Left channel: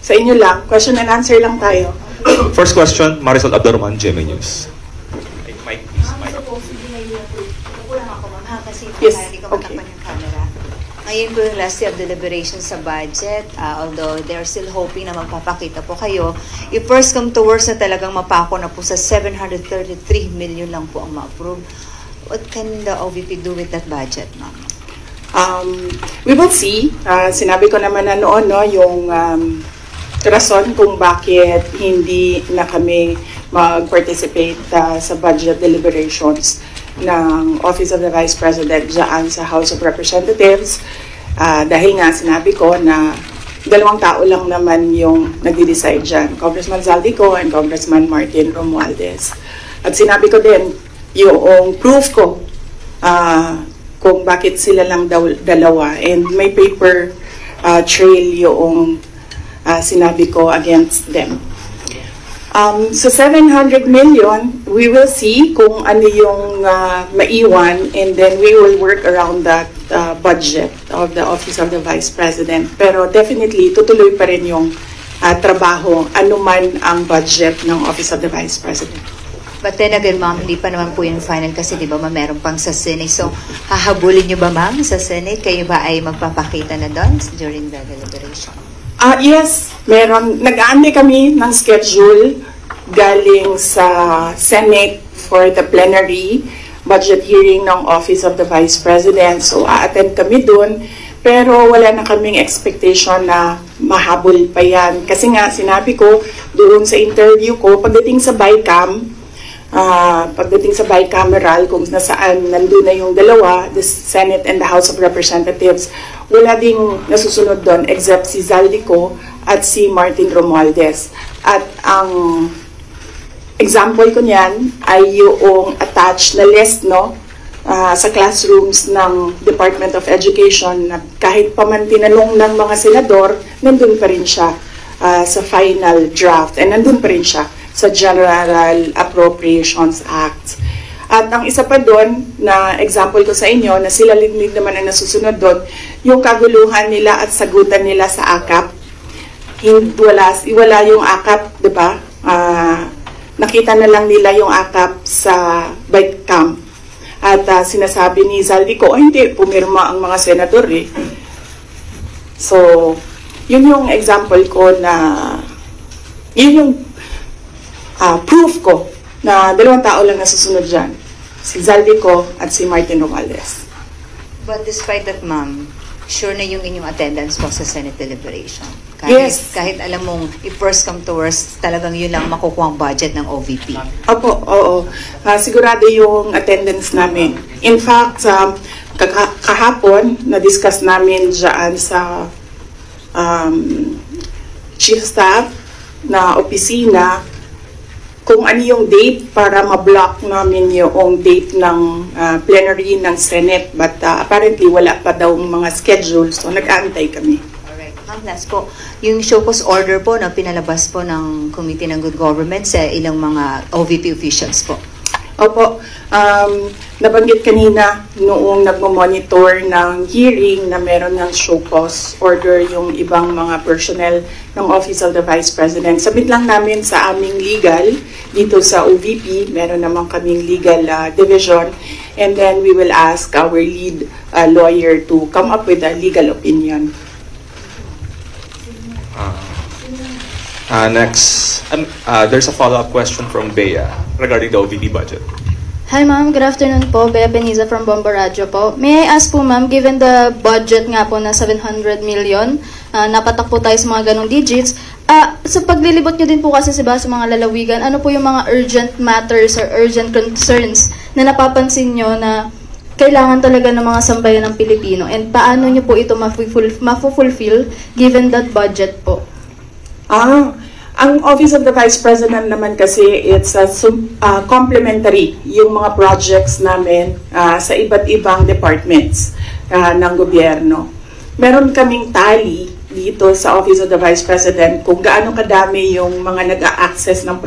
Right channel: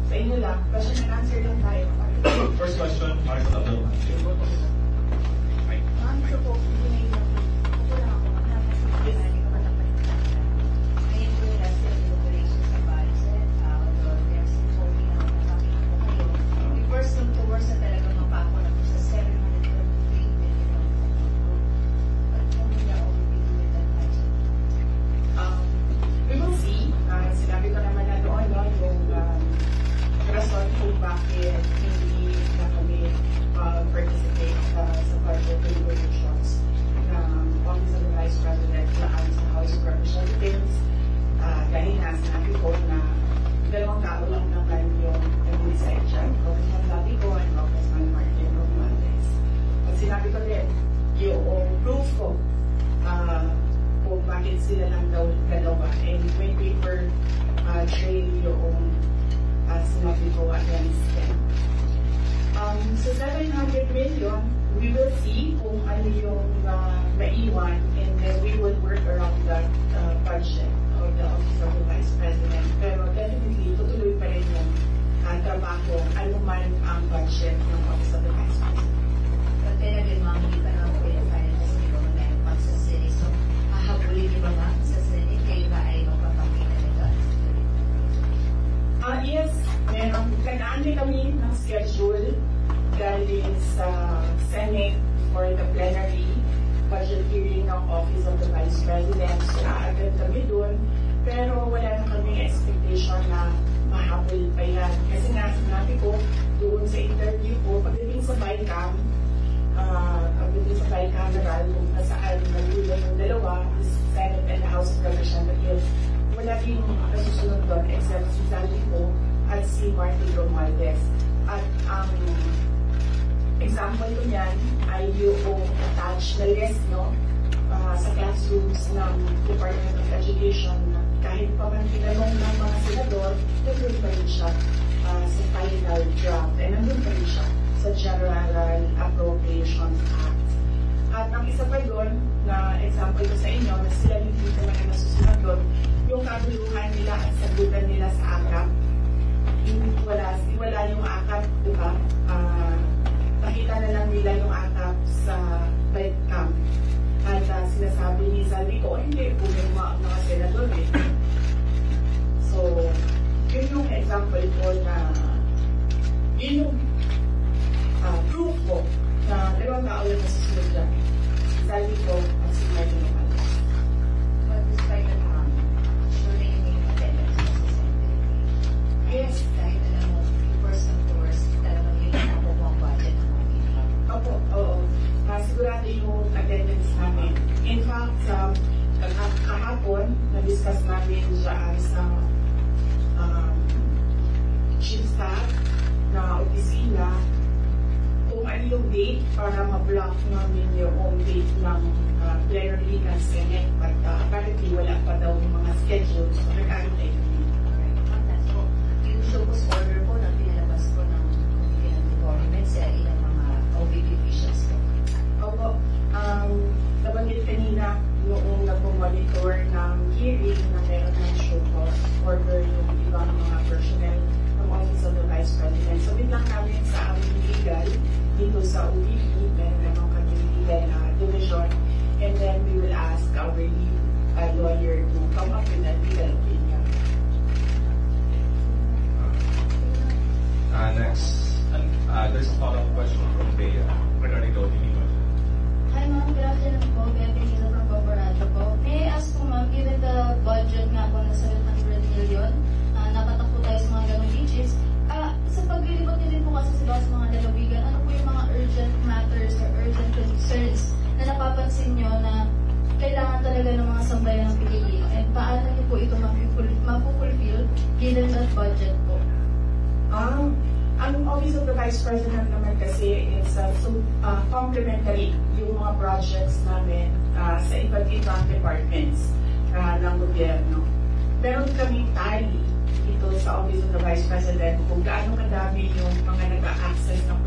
Sa inyo lang, question and answer lang tayo. First question, Marisol Abdurrahman, GMA News. Mic, please, mic. Yes, Hindi ko okay. matakpan yung camera. Ngayon po yung last day of deliberation sa budget. Although they're still hoping na magpapakita po kayo. If first come to worst na talagang mapako na po sa 733 million lang po ang ma-approve. What can the OVP do with that budget, ma'am? We will see. Sinabi ko naman na noon, no, yung rason kung bakit hindi na kami mag-participate sa budget deliberations ng Office of the Vice President dyan sa House of Representatives. Dahil nga sinabi ko na dalawang tao lang naman yung nagde-decide dyan, Congressman Zaldico and Congressman Martin Romualdez. At sinabi ko din, yung proof ko kung bakit sila lang dalawa, and may paper trail yung sinabi ko against them. So 700 million, we will see kung ano yung maiwan, and then we will work around that budget of the Office of the Vice President. Pero definitely, tutuloy pa rin yung trabaho, anuman ang budget ng Office of the Vice President. But then again, ma'am, hindi pa naman po yung final kasi di ba meron pang sa Senate. So, hahabulin nyo ba, ma'am, sa Senate? Kayo ba ay magpapakita na doon during the deliberation? Yes, meron. Nag-aantay kami ng schedule galing sa Senate for the plenary budget hearing ng Office of the Vice President. So, a-attend kami doon. Pero wala na kaming expectation na mahabol pa yan. Kasi nga, sinabi ko doon sa interview ko, pagdating sa bicameral, kung nasaan nandun na yung dalawa, the Senate and the House of Representatives, wala ding nasusunod doon except si Zaldico at si Martin Romualdez. At ang example ko niyan ay yung attached na list, no, sa classrooms ng Department of Education, na kahit pa man tinanong ng mga senador, nandun pa rin siya sa final draft, and nandun pa rin siya sa General Appropriations Act. At ang isa pa doon na example ko sa inyo na sila linig naman ang nasusunod doon, yung kaguluhan nila at sagutan nila sa AKAP. Wala yung AKAP, di ba? Nakita na lang nila yung AKAP sa bike camp. At sinasabi ni Zaldico, hindi, pumirma ang mga senador eh. So, yun yung example ko na, yun yung proof ko na dalawang tao lang nasusunod dyan. Si Zaldico at si Martin Romualdez. But despite that, ma'am, sure na yung inyong attendance po sa Senate deliberation? Yes. Kahit alam mong if first come to worst, talagang yun lang makukuha ang budget ng OVP. Opo, oo. Sigurado yung attendance namin. In fact, kahapon, na-discuss namin dyan sa chief staff na opisina kung ano yung date para ma-block namin yung date ng plenary ng Senate. But apparently, wala pa daw mga schedule, so nag-aantay kami. Alright. Ma'am, last po, yung show cause order po na pinalabas po ng Committee ng Good Government sa ilang mga OVP officials po. Opo, nabanggit kanina noong nagmo-monitor ng hearing na meron ng show cause order yung ibang mga personnel ng Office of the Vice President. Sabit lang namin sa aming legal dito sa OVP, meron naman kaming legal division, and then we will ask our lead lawyer to come up with a legal opinion. Next, there's a follow-up question from Bea regarding the OVP budget. Hi ma'am, good afternoon po. Bea Beniza from Bomba Radio po. May I ask po ma'am, given the budget nga po na 700 million, napatak po tayo sa mga ganong digits, sa paglilibot nyo din po kasi sa mga lalawigan, ano po yung mga urgent matters or urgent concerns na napapansin nyo na kailangan talaga ng mga sambayan ng Pilipino, and paano nyo po ito mafulfill given that budget po? Ang Office of the Vice President naman kasi, it's complementary yung mga projects namin sa iba't ibang departments ng gobyerno. Meron kaming tally dito sa Office of the Vice President kung gaano kadami yung mga nag-a-access ng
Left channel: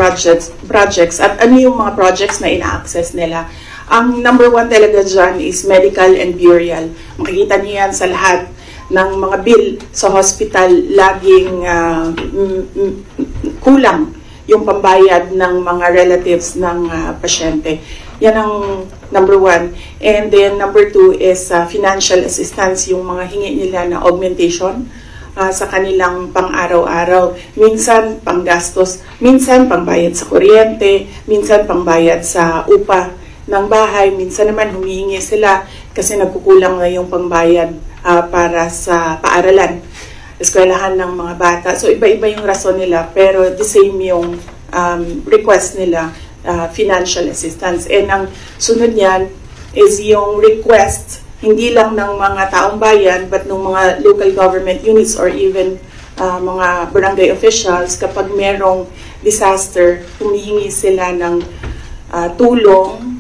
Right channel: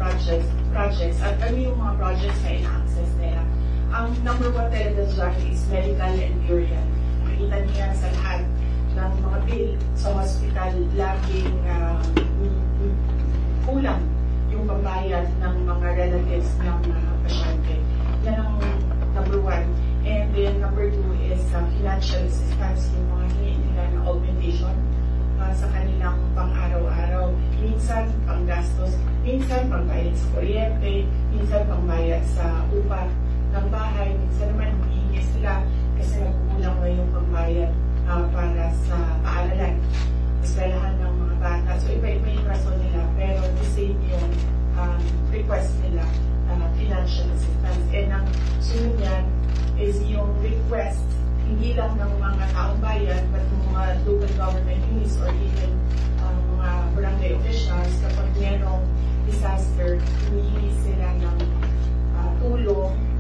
projects at ano yung mga projects na ina-access nila. Ang number one talaga dyan is medical and burial. Makikita niyo yan sa lahat ng mga bill sa hospital, laging kulang yung pambayad ng mga relatives ng pasyente. Yan ang number one. And then number two is financial assistance, yung mga hingi nila na augmentation sa kanilang pang-araw-araw. Minsan panggastos, minsan pangbayad sa kuryente, minsan pangbayad sa upa ng bahay, minsan naman humihingi sila kasi nagkukulang na yung pangbayad para sa paaralan, eskwelahan ng mga bata. So iba-iba yung rason nila, pero the same yung request nila, financial assistance. And ang sunod niyan is yung request hindi lang ng mga taong bayan but ng mga local government units or even mga barangay officials. Kapag merong disaster, humihingi sila ng tulong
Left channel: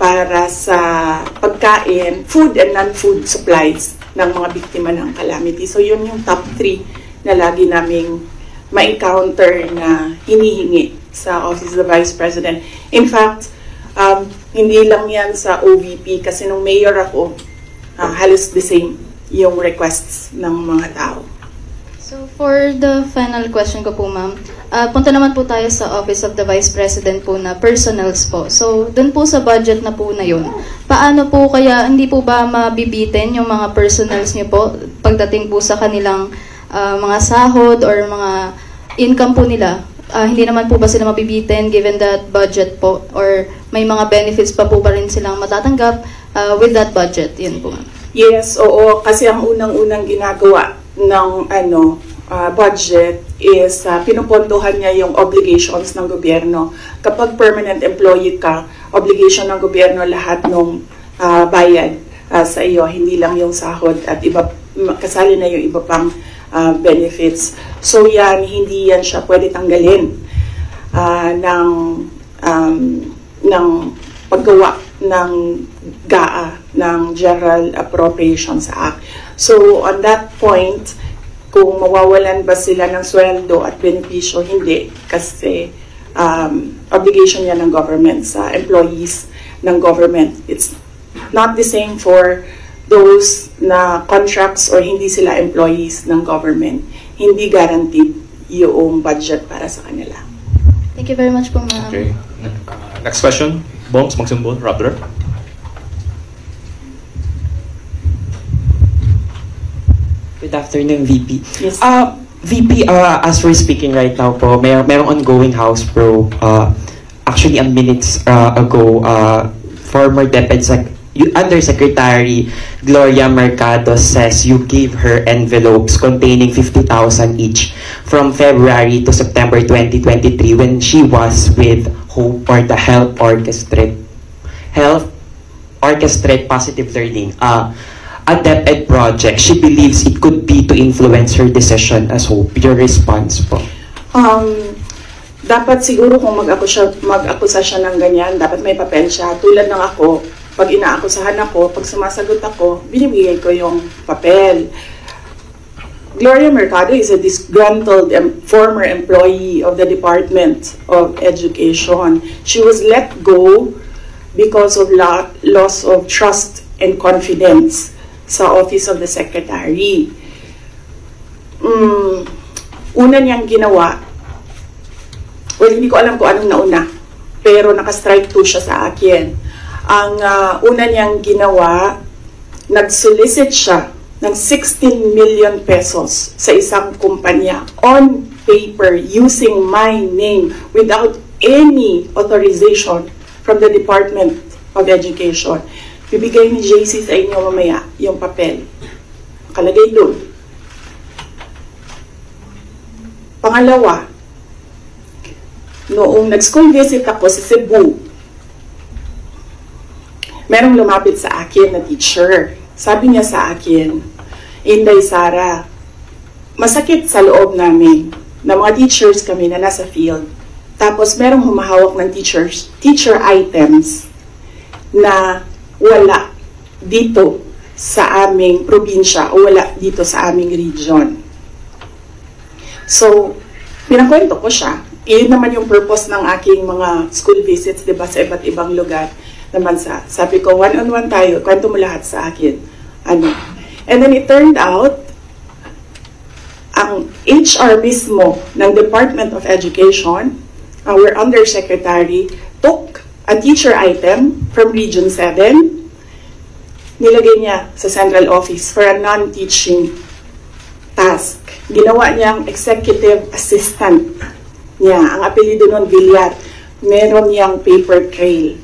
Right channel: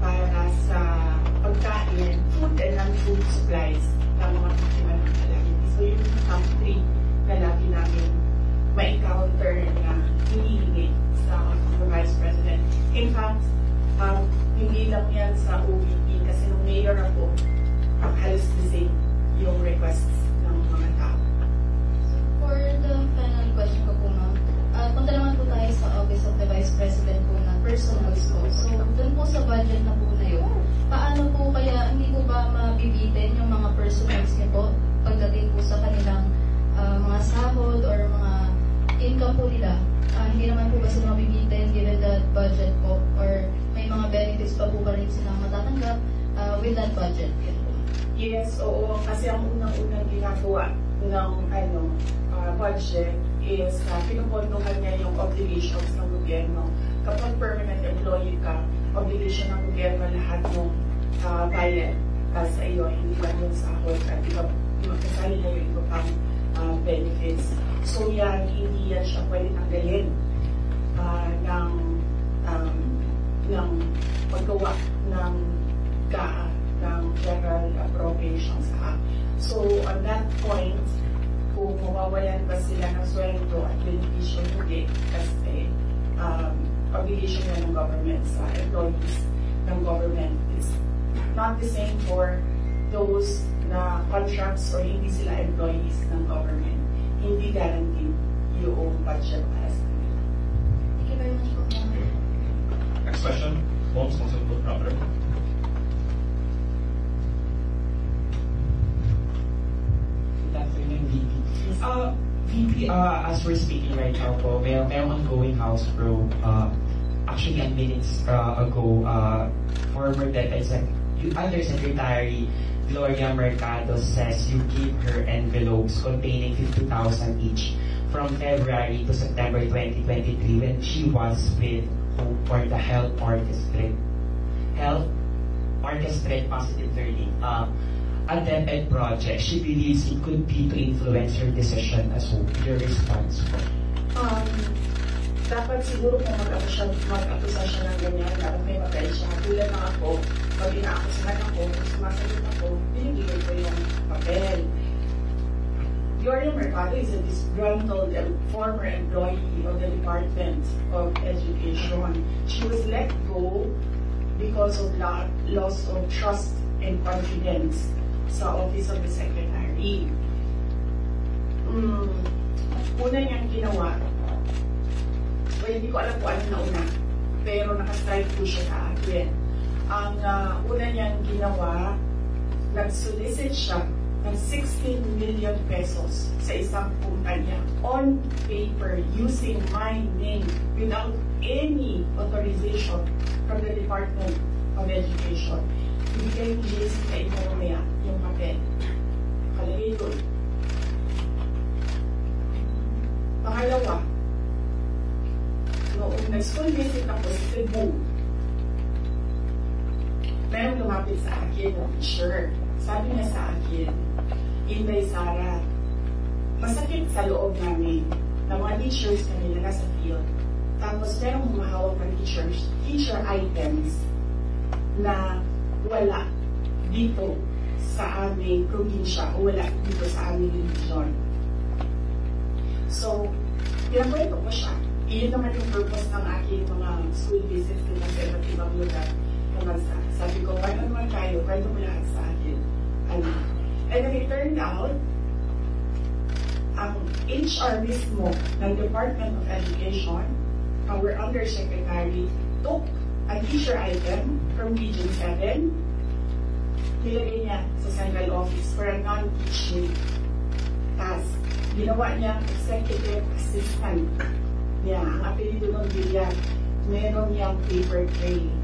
para sa pagkain, food and non-food supplies ng mga biktima ng calamity. So yun yung top 3 na lagi naming ma-encounter na hinihingi sa Office of the Vice President. In fact, hindi lang yan sa OVP kasi nung mayor ako, halos the same yung requests ng mga tao. So for the final question ko po, ma'am, punta naman po tayo sa Office of the Vice President po na personals po. So dun po sa budget na po na yun, paano po kaya, hindi po ba mabibitin yung mga personals niyo po pagdating po sa kanilang mga sahod or mga income po nila? Hindi naman po ba sila mabibitin given that budget po, or may mga benefits pa po ba rin silang matatanggap with that budget? Yun po. Yes, oo, kasi ang unang-unang ginagawa ng budget is pinupondohan niya yung obligations ng gobyerno. Kapag permanent employee ka, obligation ng gobyerno lahat ng bayad sa iyo, hindi lang yung sahod at iba, kasali na yung iba pang benefits. So yan, hindi yan siya pwede tanggalin ng paggawa ng GAA, ng General Appropriations Act. So on that point, kung mawawalan ba sila ng sweldo at benepisyo, hindi. Kasi obligation yan ng government sa employees ng government. It's not the same for those na contracts or hindi sila employees ng government. Hindi guaranteed yung budget para sa kanila. Thank you very much po, ma'am. Okay. Next question. Bongs, magsimbol, Raptor. Good afternoon, VP. Yes. VP, as we're speaking right now po, mayroong ongoing House probe. Actually, minutes ago, former Undersecretary Gloria Mercado says you gave her envelopes containing 50,000 each from February to September 2023 when she was with HOPE, or the Health Orchestrate Positive Learning, a DepEd project. She believes it could be to influence her decision as HOPE. Your response po? Dapat siguro kung mag-akusa siya ng ganyan, dapat may papel siya. Tulad ng ako, pag inaakusahan ako, pag sumasagot ako, binibigay ko yung papel. Gloria Mercado is a disgruntled former employee of the Department of Education. She was let go because of loss of trust and confidence sa Office of the Secretary. Una niyang ginawa, well, hindi ko alam kung anong nauna, pero naka-strike 2 siya sa akin. Ang una niyang ginawa, nag-solicit siya ng 16 million pesos sa isang kumpanya on paper using my name without any authorization from the Department of Education. Bibigay ni JC sa inyo mamaya yung papel. Nakalagay doon. Pangalawa, noong nag-school visit ako sa Cebu, merong lumapit sa akin na teacher. Sabi niya sa akin, Inday Sara, masakit sa loob namin na mga teachers kami na nasa field. Tapos merong humahawak ng teacher items na wala dito sa aming probinsya o wala dito sa aming region. So, pinakwento ko siya. Iyon naman yung purpose ng aking mga school visits, diba, sa iba't ibang lugar naman sa. Sabi ko, one-on-one tayo, kwento mo lahat sa akin. And then it turned out, ang HR mismo ng Department of Education, our undersecretary, took a teacher item from Region 7, nilagay niya sa central office for a non-teaching task. Ginawa niyang executive assistant niya. Ang apelido nun, Villar. Meron niyang paper trail.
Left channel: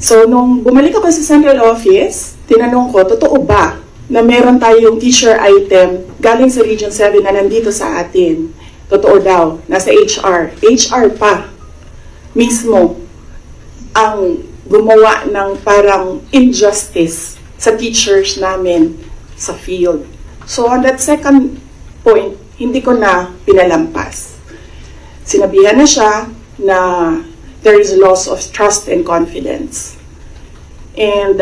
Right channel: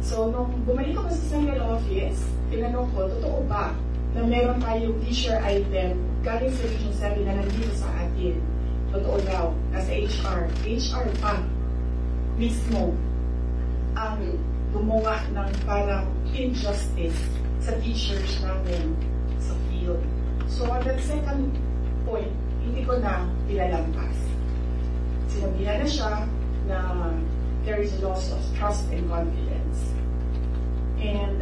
So, nung bumalik ako sa central office, tinanong ko, totoo ba na meron tayong teacher item galing sa Region 7 na nandito sa atin? Totoo daw, nasa HR. HR pa mismo ang gumawa ng parang injustice sa teachers namin sa field. So on that second point, hindi ko na pinalampas. Sinabihan na siya na there is loss of trust and confidence. And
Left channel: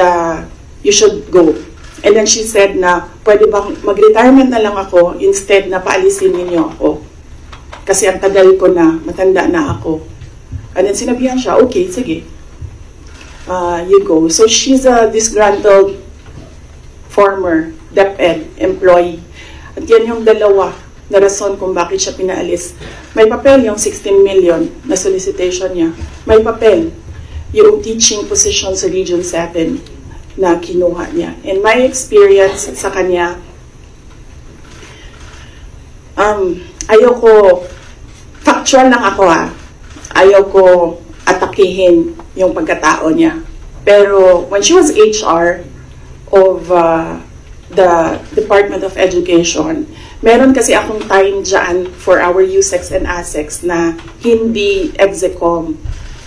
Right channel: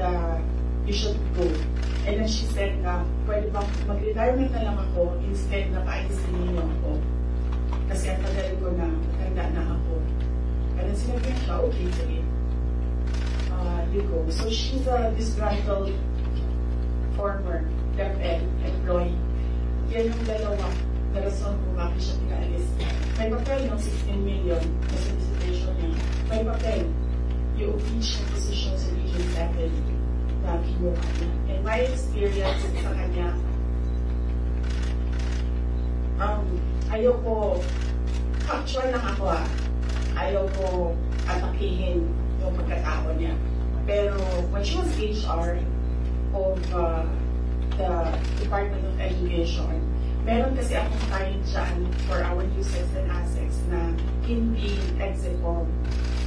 you should go. And then she said na, pwede bang mag-retirement na lang ako instead na paalisin ninyo ako. Kasi ang tagal ko na, matanda na ako. And then sinabihan siya, okay, sige. You go. So she's a disgruntled former DepEd employee. At yan yung dalawa na rason kung bakit siya pinaalis. May papel yung 16 million na solicitation niya. May papel yung teaching position sa Region 7 na kinuha niya. And my experience sa kanya, ayoko, factual lang ako ayoko atakihin yung pagkatao niya. Pero when she was HR of the Department of Education, meron kasi akong time dyan for our USEX and ASEX na hindi execom.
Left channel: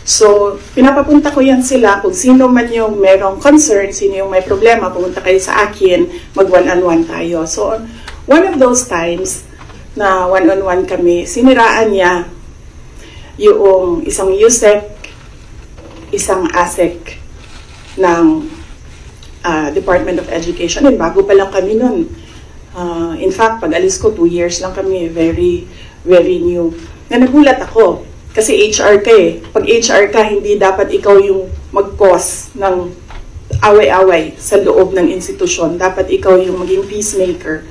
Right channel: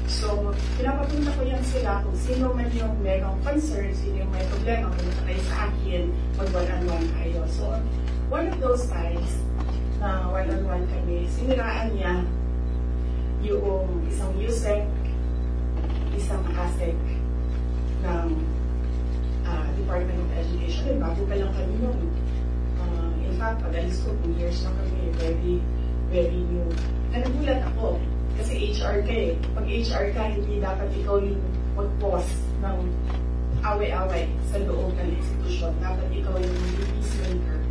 So, pinapapunta ko yan sila kung sino man yung merong concern, sino yung may problema, pumunta kayo sa akin, mag-one-on-one tayo. So, one of those times na one-on-one kami, siniraan niya yung isang USEC, isang ASEC ng Department of Education. And bago pa lang kami nun. In fact, pag alis ko, 2 years lang kami. Very, very new. Na nagulat ako. Kasi HR ka eh. Pag HR ka, hindi dapat ikaw yung mag-cause ng away-away sa loob ng institusyon. Dapat ikaw yung maging peacemaker.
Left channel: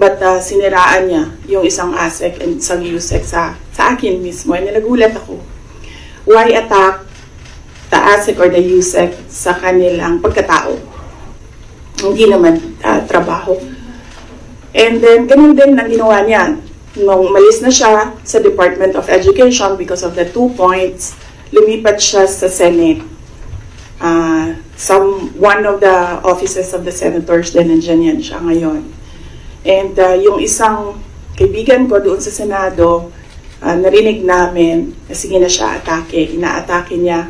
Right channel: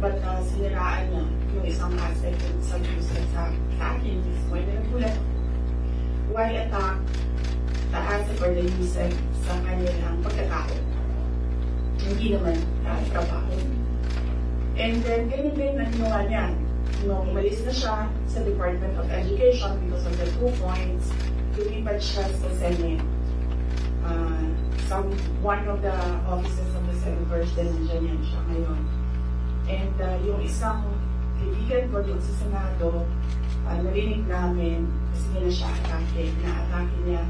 But siniraan niya yung isang ASEC and isang USEC sa akin mismo. And nagulat ako. Why attack the ASEC or the USEC sa kanilang pagkatao? Hindi naman trabaho. And then, ganun din ang ginawa niya. Nung malis na siya sa Department of Education because of the 2 points, lumipat siya sa Senate. One of the offices of the senators din, nandiyan yan siya ngayon. And yung isang kaibigan ko doon sa Senado, narinig namin na sige na siya atake. Inaatake niya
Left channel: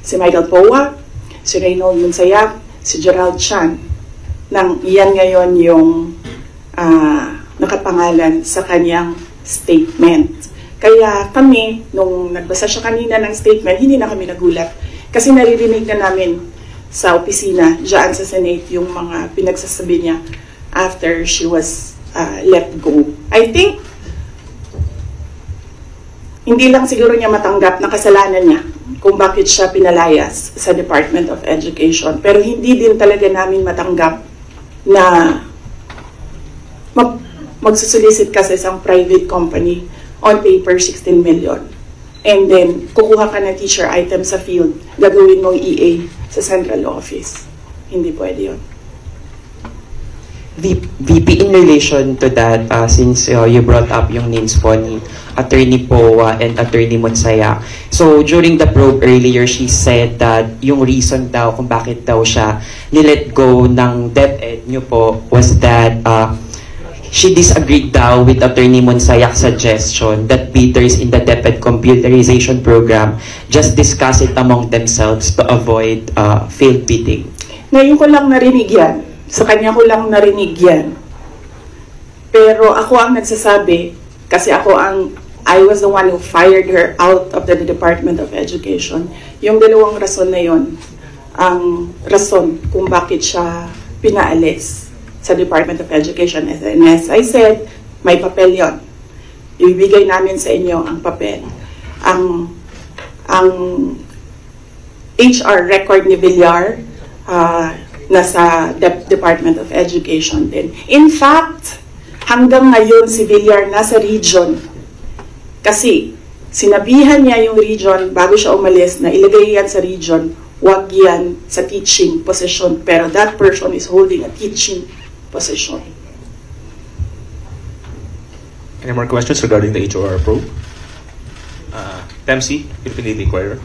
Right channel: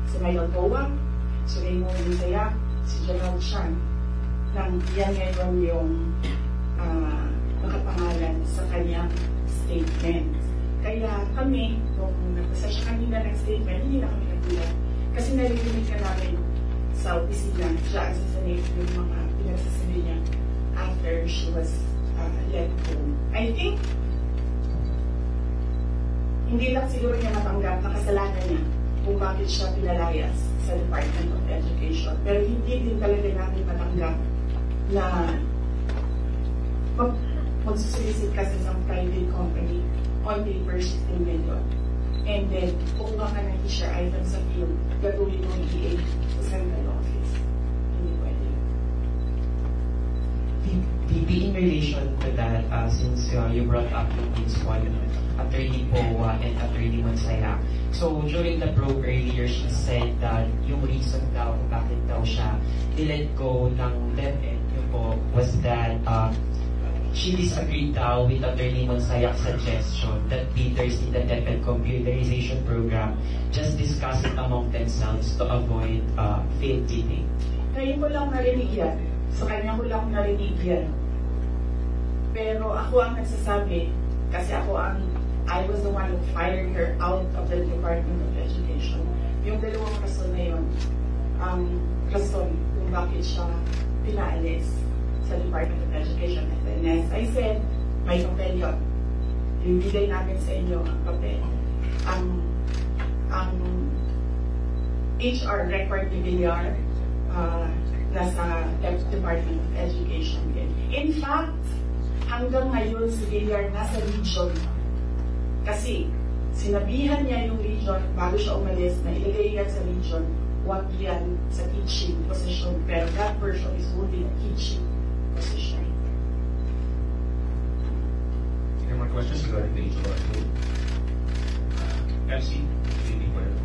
si Michael Poa, si Reynold Munsayag, si Gerald Chan. Nang iyan ngayon yung nakapangalan sa kanyang statement. Kaya kami, nung nagbasa siya kanina ng statement, hindi na kami nagulat. Kasi naririnig na namin sa opisina, dyan sa Senate, yung mga pinagsasabi niya after she was let go. I think, hindi lang siguro niya matanggap na kasalanan niya kung bakit siya pinalayas sa Department of Education. Pero hindi din talaga namin matanggap na magsusolicit ka sa isang private company on paper 16 million. And then, kukuha ka ng teacher item sa field, gagawin mong EA sa central office. Hindi pwede yun. VP, in relation to that, since you brought up yung names po ni Attorney Poa and Attorney Munsaya. So, during the probe earlier, she said that yung reason daw kung bakit daw siya nilet go ng DepEd nyo po was that she disagreed daw with Attorney Munsayak's suggestion that bidders in the DepEd computerization program just discuss it among themselves to avoid failed bidding. Ngayon ko lang narinig yan. Sa kanya ko lang narinig yan. Pero ako ang nagsasabi, kasi I was the one who fired her out of the Department of Education. Yung dalawang rason na yon, ang rason kung bakit siya pinaalis sa Department of Education. And as I said, may papel yon. Ibibigay namin sa inyo ang papel. Ang HR record ni Villar, nasa Department of Education din. In fact, hanggang ngayon si Villar nasa region kasi sinabihan niya yung region bago siya umalis na ilagay yan sa region, wag yan sa teaching position, pero that person is holding a teaching position. Any more questions regarding the HOR probe? Dempsey, Philippine Daily Inquirer.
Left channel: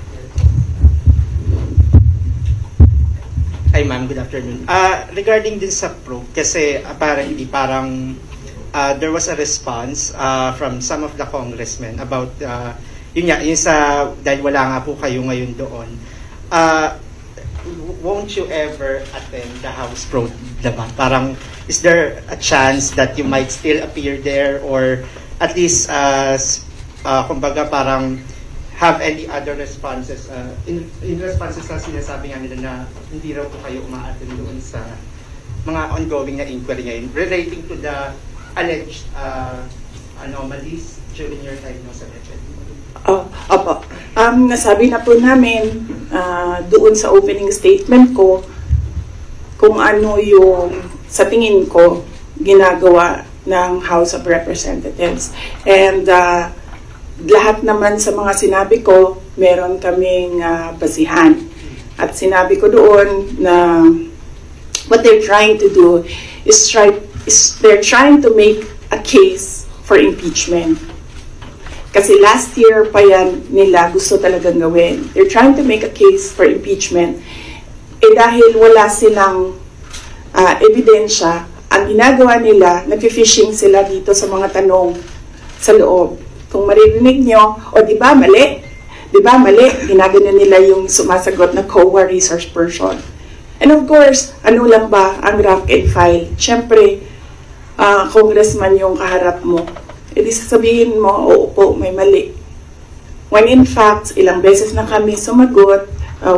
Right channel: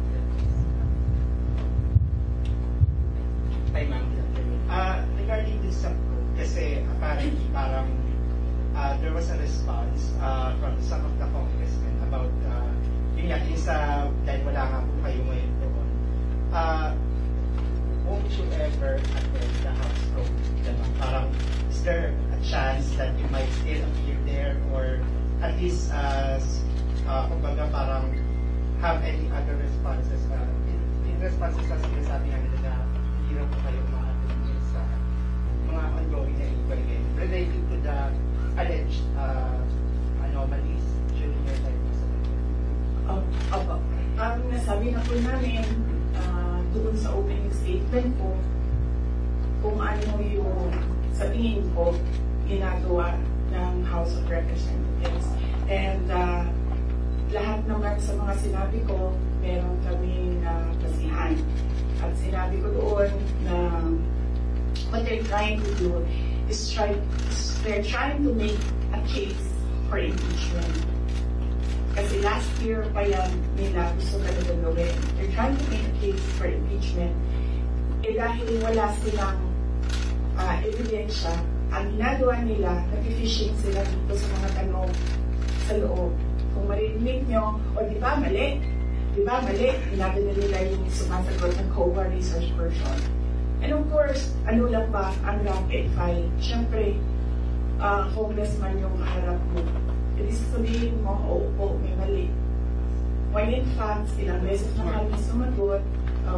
Hi ma'am, good afternoon. Regarding din sa probe, kasi apparently parang there was a response from some of the congressmen about yun nga, yung sa, dahil wala nga po kayo ngayon doon, won't you ever attend the House probe naman? Parang, is there a chance that you might still appear there or at least, kumbaga parang have any other responses, in responses na sinasabi nga nila na hindi raw po kayo ma-attend doon sa mga ongoing na inquiry ngayon relating to the alleged anomalies during your time mo sa budget. Opo. Nasabi na po namin doon sa opening statement ko kung ano yung sa tingin ko ginagawa ng House of Representatives. And lahat naman sa mga sinabi ko, meron kaming basihan. At sinabi ko doon na what they're trying to do is they're trying to make a case for impeachment. Kasi last year pa yan nila gusto talagang gawin. They're trying to make a case for impeachment. Dahil wala silang ebidensya, ang ginagawa nila, nag-fishing sila dito sa mga tanong sa loob. Kung maririnig nyo, o di ba mali? Di ba mali? Ginagano nila yung sumasagot na COA resource person. And of course, ano lang ba ang rank and file? Siyempre, congressman yung kaharap mo. E di sasabihin mo, oo po, may mali. When in fact, ilang beses na kami sumagot,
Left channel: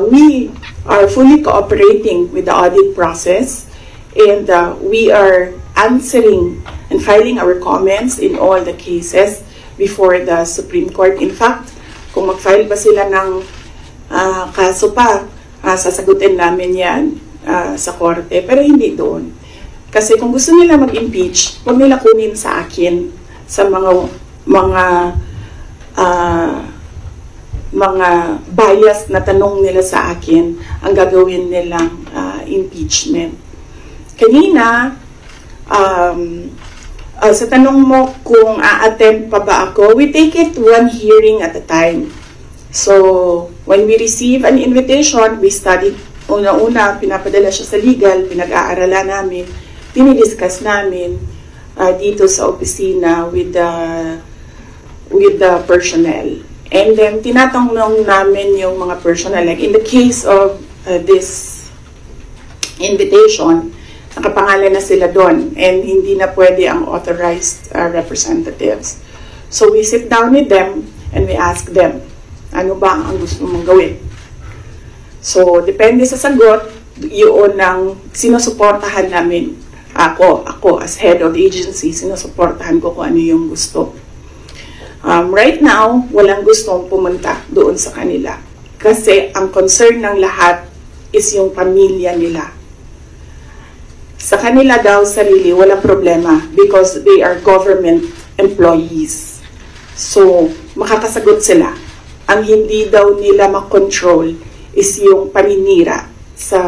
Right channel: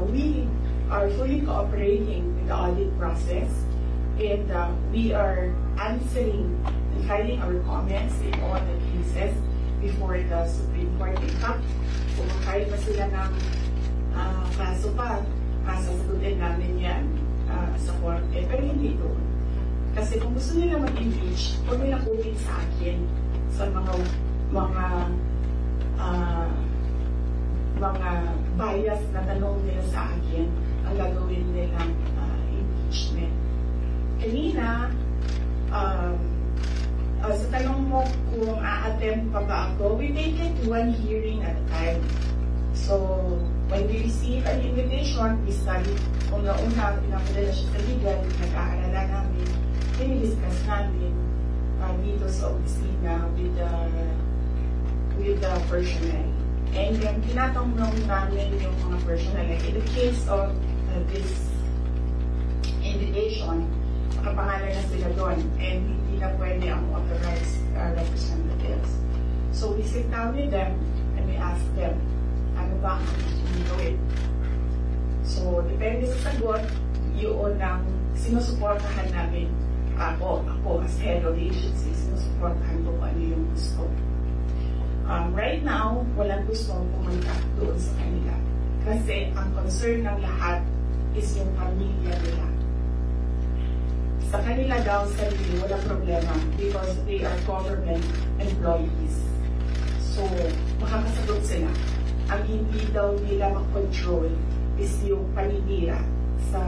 we are fully cooperating with the audit process and we are answering and filing our comments in all the cases before the Supreme Court. In fact, kung mag-file ba sila ng kaso pa, sasagutin namin yan sa korte, pero hindi doon. Kasi kung gusto nila mag-impeach, huwag nila kunin sa akin sa mga bias na tanong nila sa akin ang gagawin nilang impeachment. Kanina, sa tanong mo kung a-attempt pa ba ako, we take it one hearing at a time. So, when we receive an invitation, we study. Una-una, pinapadala siya sa legal, pinag-aaralan namin, dinidiscuss namin dito sa opisina with the personnel. And then, tinatanong namin yung mga personnel. Like in the case of this invitation, nakapangalan na sila doon and hindi na pwede ang authorized representatives. So we sit down with them and we ask them, ano ba ang gusto mong gawin? So depende sa sagot, yun ang sinusuportahan namin. Ako as head of the agency, sinusuportahan ko kung ano yung gusto. Right now, walang gustong pumunta doon sa kanila. Kasi ang concern ng lahat is yung pamilya nila. Sa kanila daw sarili, walang problema because they are government employees. So, makakasagot sila. Ang hindi daw nila makontrol is yung paninira sa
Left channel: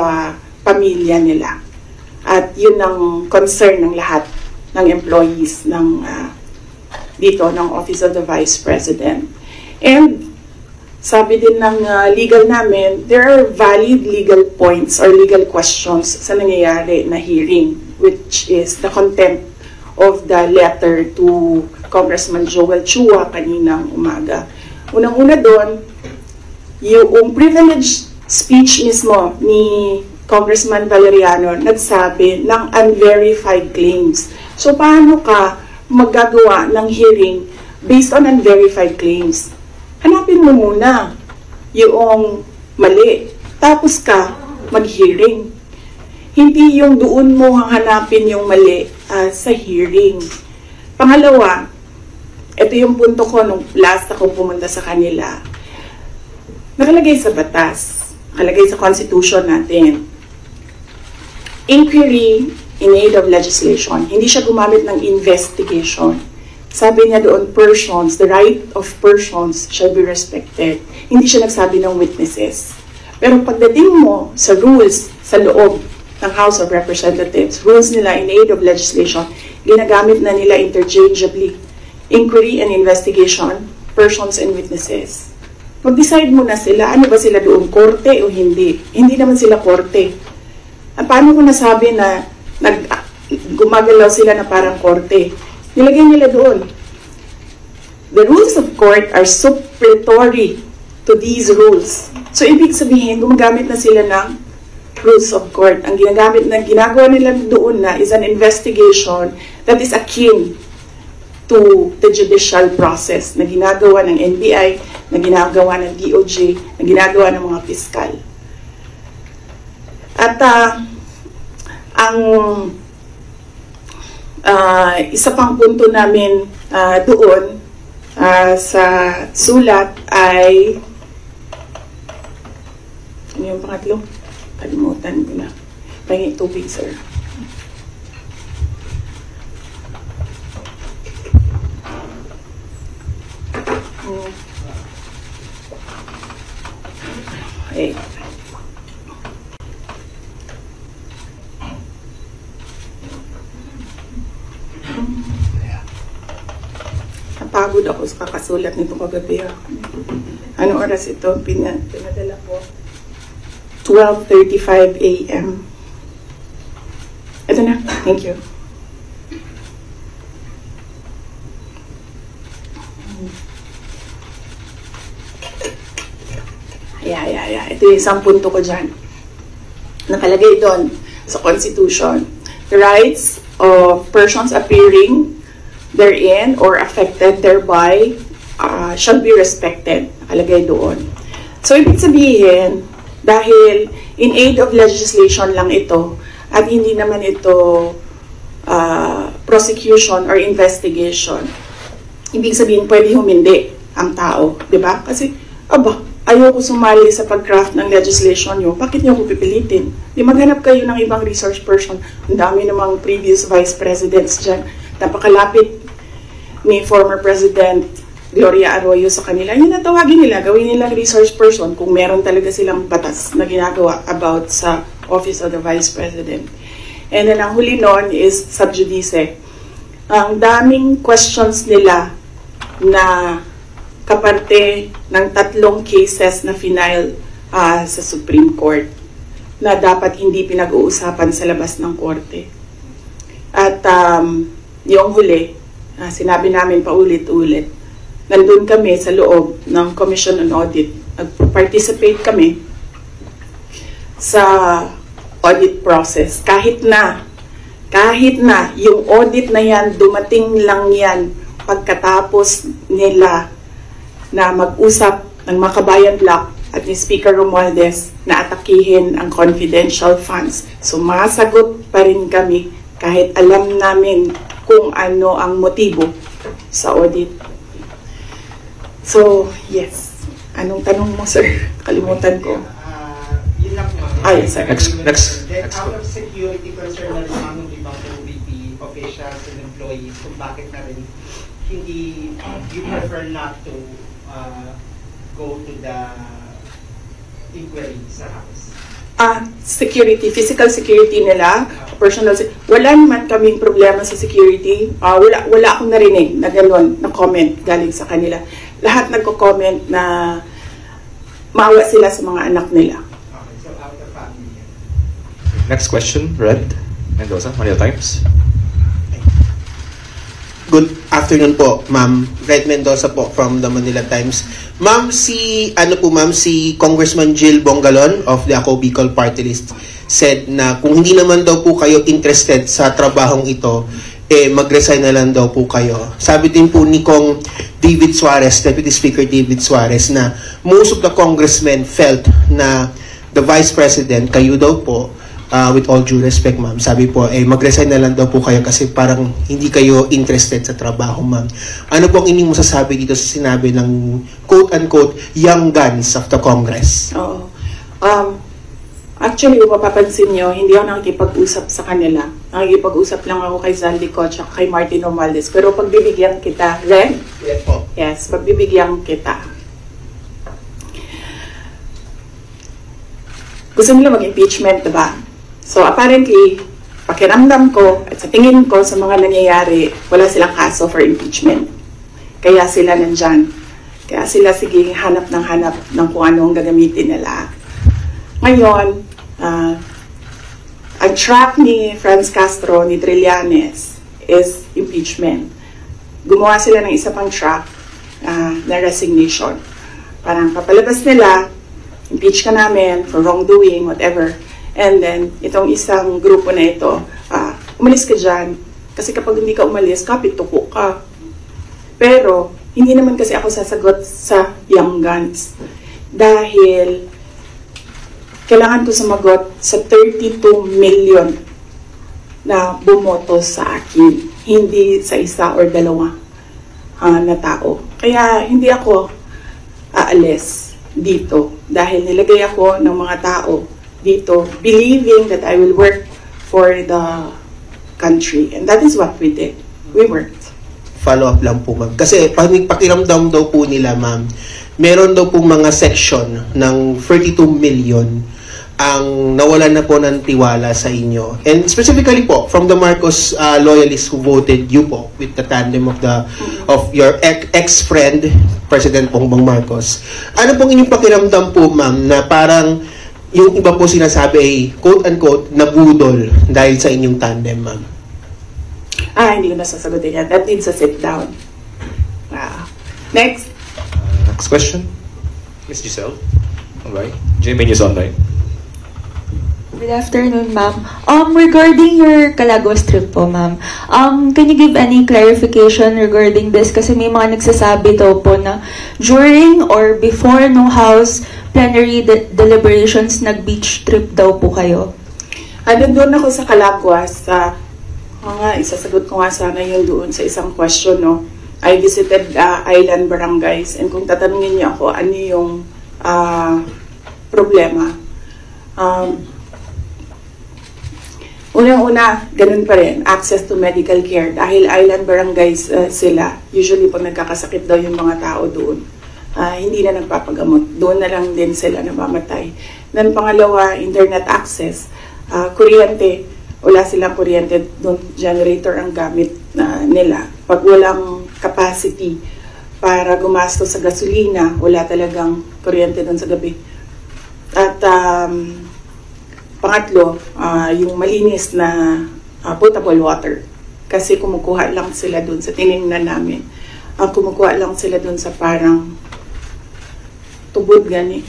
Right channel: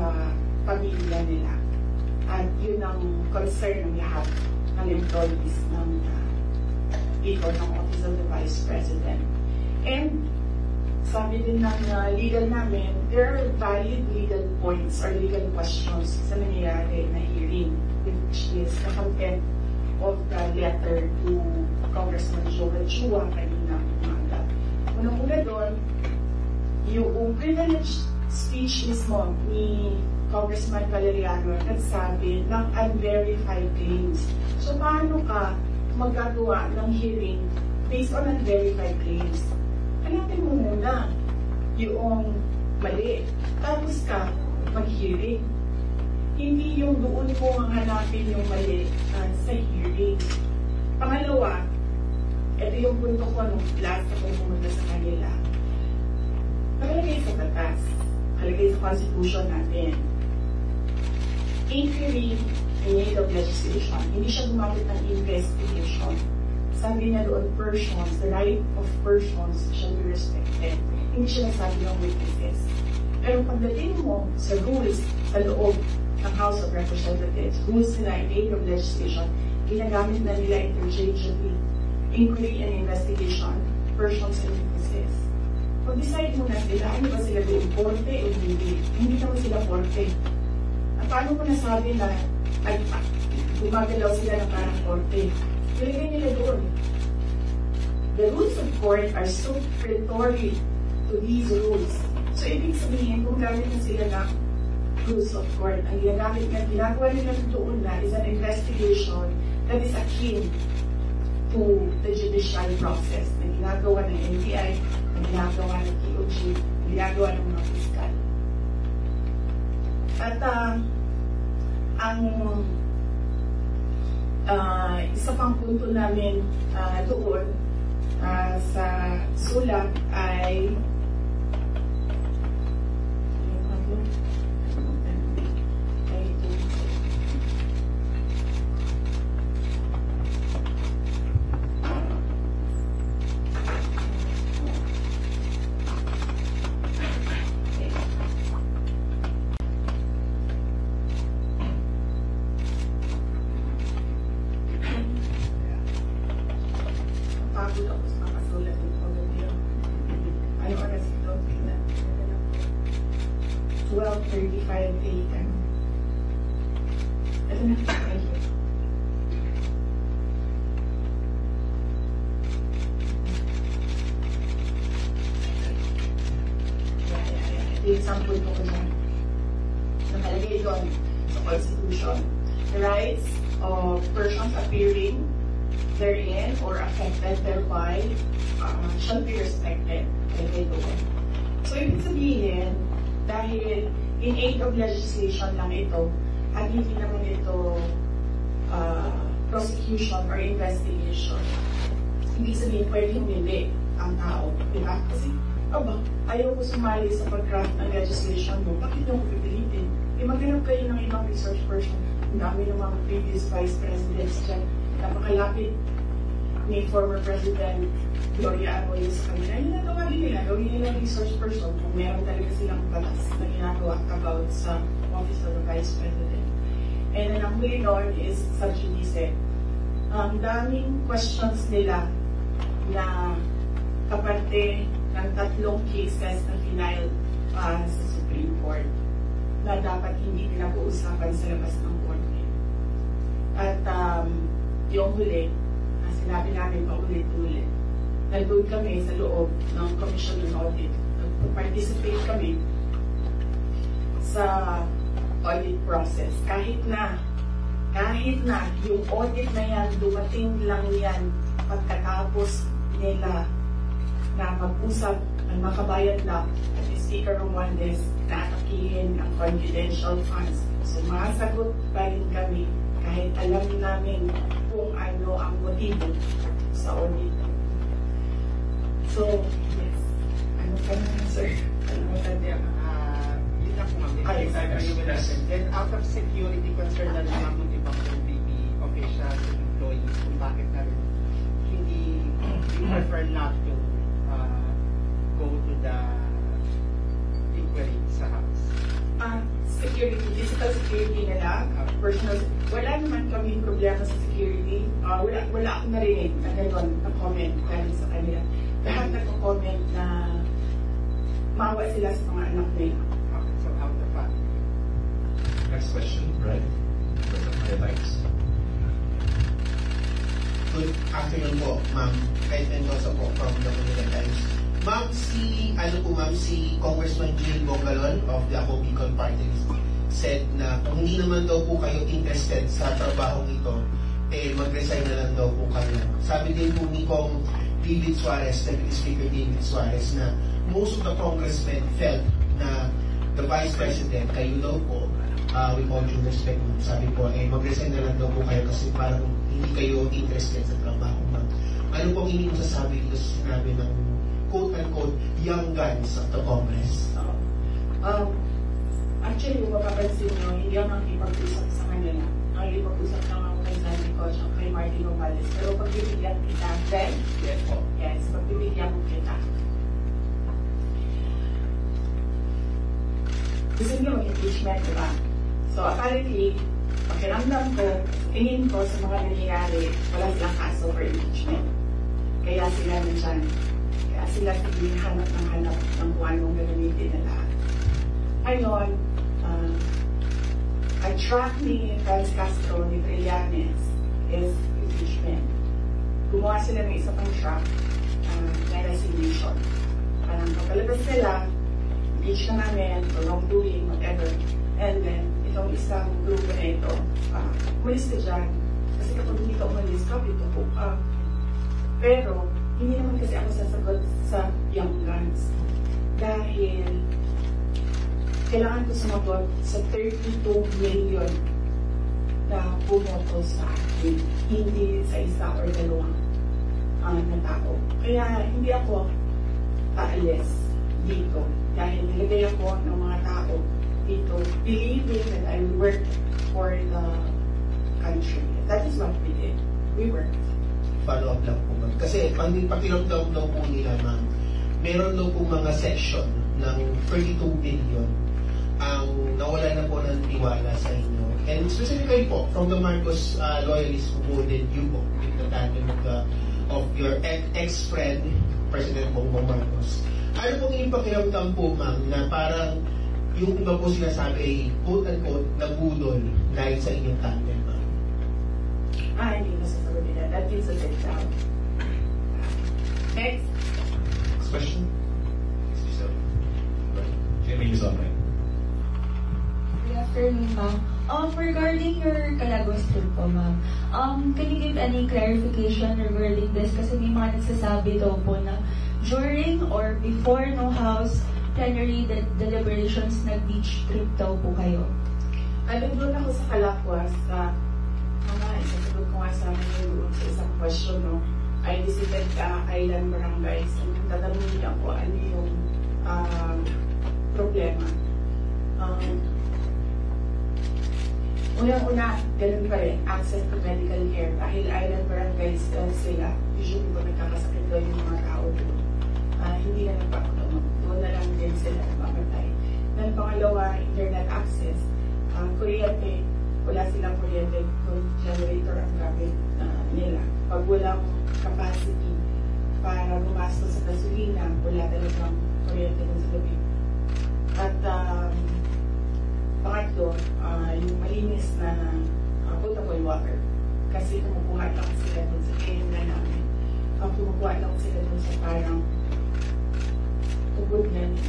pamilya nila. At yun ang concern ng lahat ng employees ng dito ng Office of the Vice President. And sabi din ng legal namin, there are valid legal points or legal questions sa nangyayari na hearing, which is the contempt of the letter to Congressman Joel Chua kaninang umaga. Unang-una doon, yung privileged speech mismo ni Congressman Valeriano nagsabi ng unverified claims. So paano ka maggagawa ng hearing based on unverified claims? Hanapin mo muna yung mali, tapos ka mag-hearing. Hindi yung doon mo hanapin yung mali sa hearing. Pangalawa, ito yung punto ko nung last akong pumunta sa kanila. Nakalagay sa batas, nakalagay sa constitution natin. inquiry in aid of legislation. Hindi siya gumamit ng investigation. Sabi niya doon, persons, the right of persons shall be respected. Hindi siya nagsabi ng witnesses. Pero pagdating mo sa rules sa loob ng House of Representatives, rules nila in aid of legislation, ginagamit na nila interchangeably. Inquiry and investigation, persons and witnesses. Mag-decide muna sila, ano ba sila doon, korte o hindi? Hindi naman sila korte. Paano ko nasabi na gumagalaw sila na parang korte? Nilagay nila doon. The rules of court are supplementary to these rules. So, ibig sabihin, gumagamit na sila ng rules of court. Ang ginagawa nila doon na is an investigation that is akin to the judicial process na ginagawa ng NBI, na ginagawa ng DOJ, na ginagawa ng mga piskal. At isa pang punto namin doon sa sulat ay ano yung pangatlo? Kalimutan ko na. Pahingin tubig, sir. Okay. Napagod ako sa kakasulat nito kagabi. Ano oras ito? Pinadala ko. 12:35 a.m. Ito na. Thank you. Yeah. Ito yung isang punto ko dyan. Nakalagay doon sa Constitution. The rights of persons appearing therein or affected thereby shall be respected. Nakalagay doon. So, ibig sabihin, dahil in aid of legislation lang ito at hindi naman ito prosecution or investigation, ibig sabihin, pwede humindi ang tao. Diba? Kasi, ayoko sumali sa pag-craft ng legislation nyo, bakit nyo ako pipilitin? Di maghanap kayo ng ibang resource person. Ang dami namang previous vice presidents dyan. Napakalapit ni former President Gloria Arroyo sa kanila. Yun na tawagin nila, gawin nilang resource person kung meron talaga silang batas na ginagawa about sa Office of the Vice President. And then ang huli nun is sub judice. Ang daming questions nila na kaparte ng 3 cases na final sa Supreme Court na dapat hindi pinag-uusapan sa labas ng korte. At yung huli, sinabi namin paulit-ulit, nandun kami sa loob ng Commission on Audit. Nag-participate kami sa audit process. Kahit na yung audit na yan, dumating lang yan pagkatapos nila na mag-usap ng Makabayan Block at ni Speaker Romualdez na atakihin ang confidential funds. So, masagot pa rin kami kahit alam namin kung ano ang motibo sa audit. So, yes. Anong tanong mo, sir? Kalimutan ko. Yun lang po. Yes, sir. Next. Out of security concern na rin ng ibang OVP officials and employees kung bakit na rin hindi you prefer not to go to the inquiry sa House. Security, physical security nila, personal wala naman kaming problema sa security. Wala akong narinig na gano'n, na comment galing sa kanila. Lahat nagko-comment na maawa sila sa mga anak nila. Okay, so out of family. Next question, Red Mendoza, Manila Times. Good afternoon po, Ma'am. Red Mendoza po from the Manila Times. Ma'am, si Congressman Jill Bongalon of the Ako Bicol Party List said na kung hindi naman daw po kayo interested sa trabahong ito, mag-resign na lang daw po kayo. Sabi din po ni Kong David Suarez, Deputy Speaker David Suarez, na most of the congressmen felt na the Vice President, kayo daw po, with all due respect, ma'am, sabi po, mag-resign na lang daw po kayo kasi parang hindi kayo interested sa trabaho, ma'am. Ano po ang inyong masasabi dito sa sinabi ng quote-unquote young guns of the Congress? Oo. Actually, kung mapapansin nyo, hindi ako nakikipag-usap sa kanila. Nakikipag-usap lang ako kay Zaldico at kay Martin Romualdez. Pero pagbibigyan kita, Ren? Yes po. Yes, pagbibigyan kita. Gusto nila mag-impeachment, diba? So apparently, pakiramdam ko at sa tingin ko sa mga nangyayari, wala silang kaso for impeachment. Kaya sila nandyan. Kaya sila sige hanap ng kung ano ang gagamitin nila. Ngayon, ang track ni Franz Castro, ni Trillanes, is impeachment. Gumawa sila ng isa pang track na resignation. Parang kapalabas nila, impeach ka namin for wrongdoing, whatever. And then, itong isang grupo na ito, umalis ka dyan. Kasi kapag hindi ka umalis, kapit-tuko ka. Pero, hindi naman kasi ako sasagot sa Young Guns. Dahil, kailangan ko sumagot sa 32 million na bumoto sa akin. Hindi sa isa or dalawa na tao. Kaya, hindi ako aalis dito. Dahil nilagay ako ng mga tao dito, believing that I will work for the country. And that is what we did. We worked. Follow-up lang po, ma'am. Kasi pakiramdam daw po nila, ma'am, meron daw po mga section ng 32 million ang nawalan na po ng tiwala sa inyo. And specifically po, from the Marcos loyalists who voted you po with the tandem of your ex-friend, President Bongbong Marcos. Ano pong inyong pakiramdam po, ma'am, na parang yung iba po sinasabi ay quote-unquote nabudol dahil sa inyong tandem, ma'am? Hindi ko nasasagutin yan. That needs a sit down. Next. Next question. Ms. Giselle. Alright. GMA News Online. Good afternoon, ma'am. Regarding your Calaguas trip po, ma'am, can you give any clarification regarding this? Kasi may mga nagsasabi daw po na during or before no House plenary deliberations, nag-beach trip daw po kayo. Doon ako sa Calaguas. Isasagot ko nga sana yun doon sa isang question, no? I visited island barangays, and kung tatanungin niyo ako, ano yung problema? Unang-una, ganun pa rin, access to medical care. Dahil island barangays sila, usually pag nagkakasakit daw yung mga tao doon, hindi na nagpapagamot. Doon na lang din sila namamatay. Then pangalawa, internet access. Kuryente, wala silang kuryente doon, generator ang gamit nila. Pag walang capacity para gumasto sa gasolina, wala talagang kuryente doon sa gabi. At pangatlo, yung malinis na potable water. Kasi kumukuha lang sila doon sa tinignan namin. Kumukuha lang sila doon sa parang tubod gani.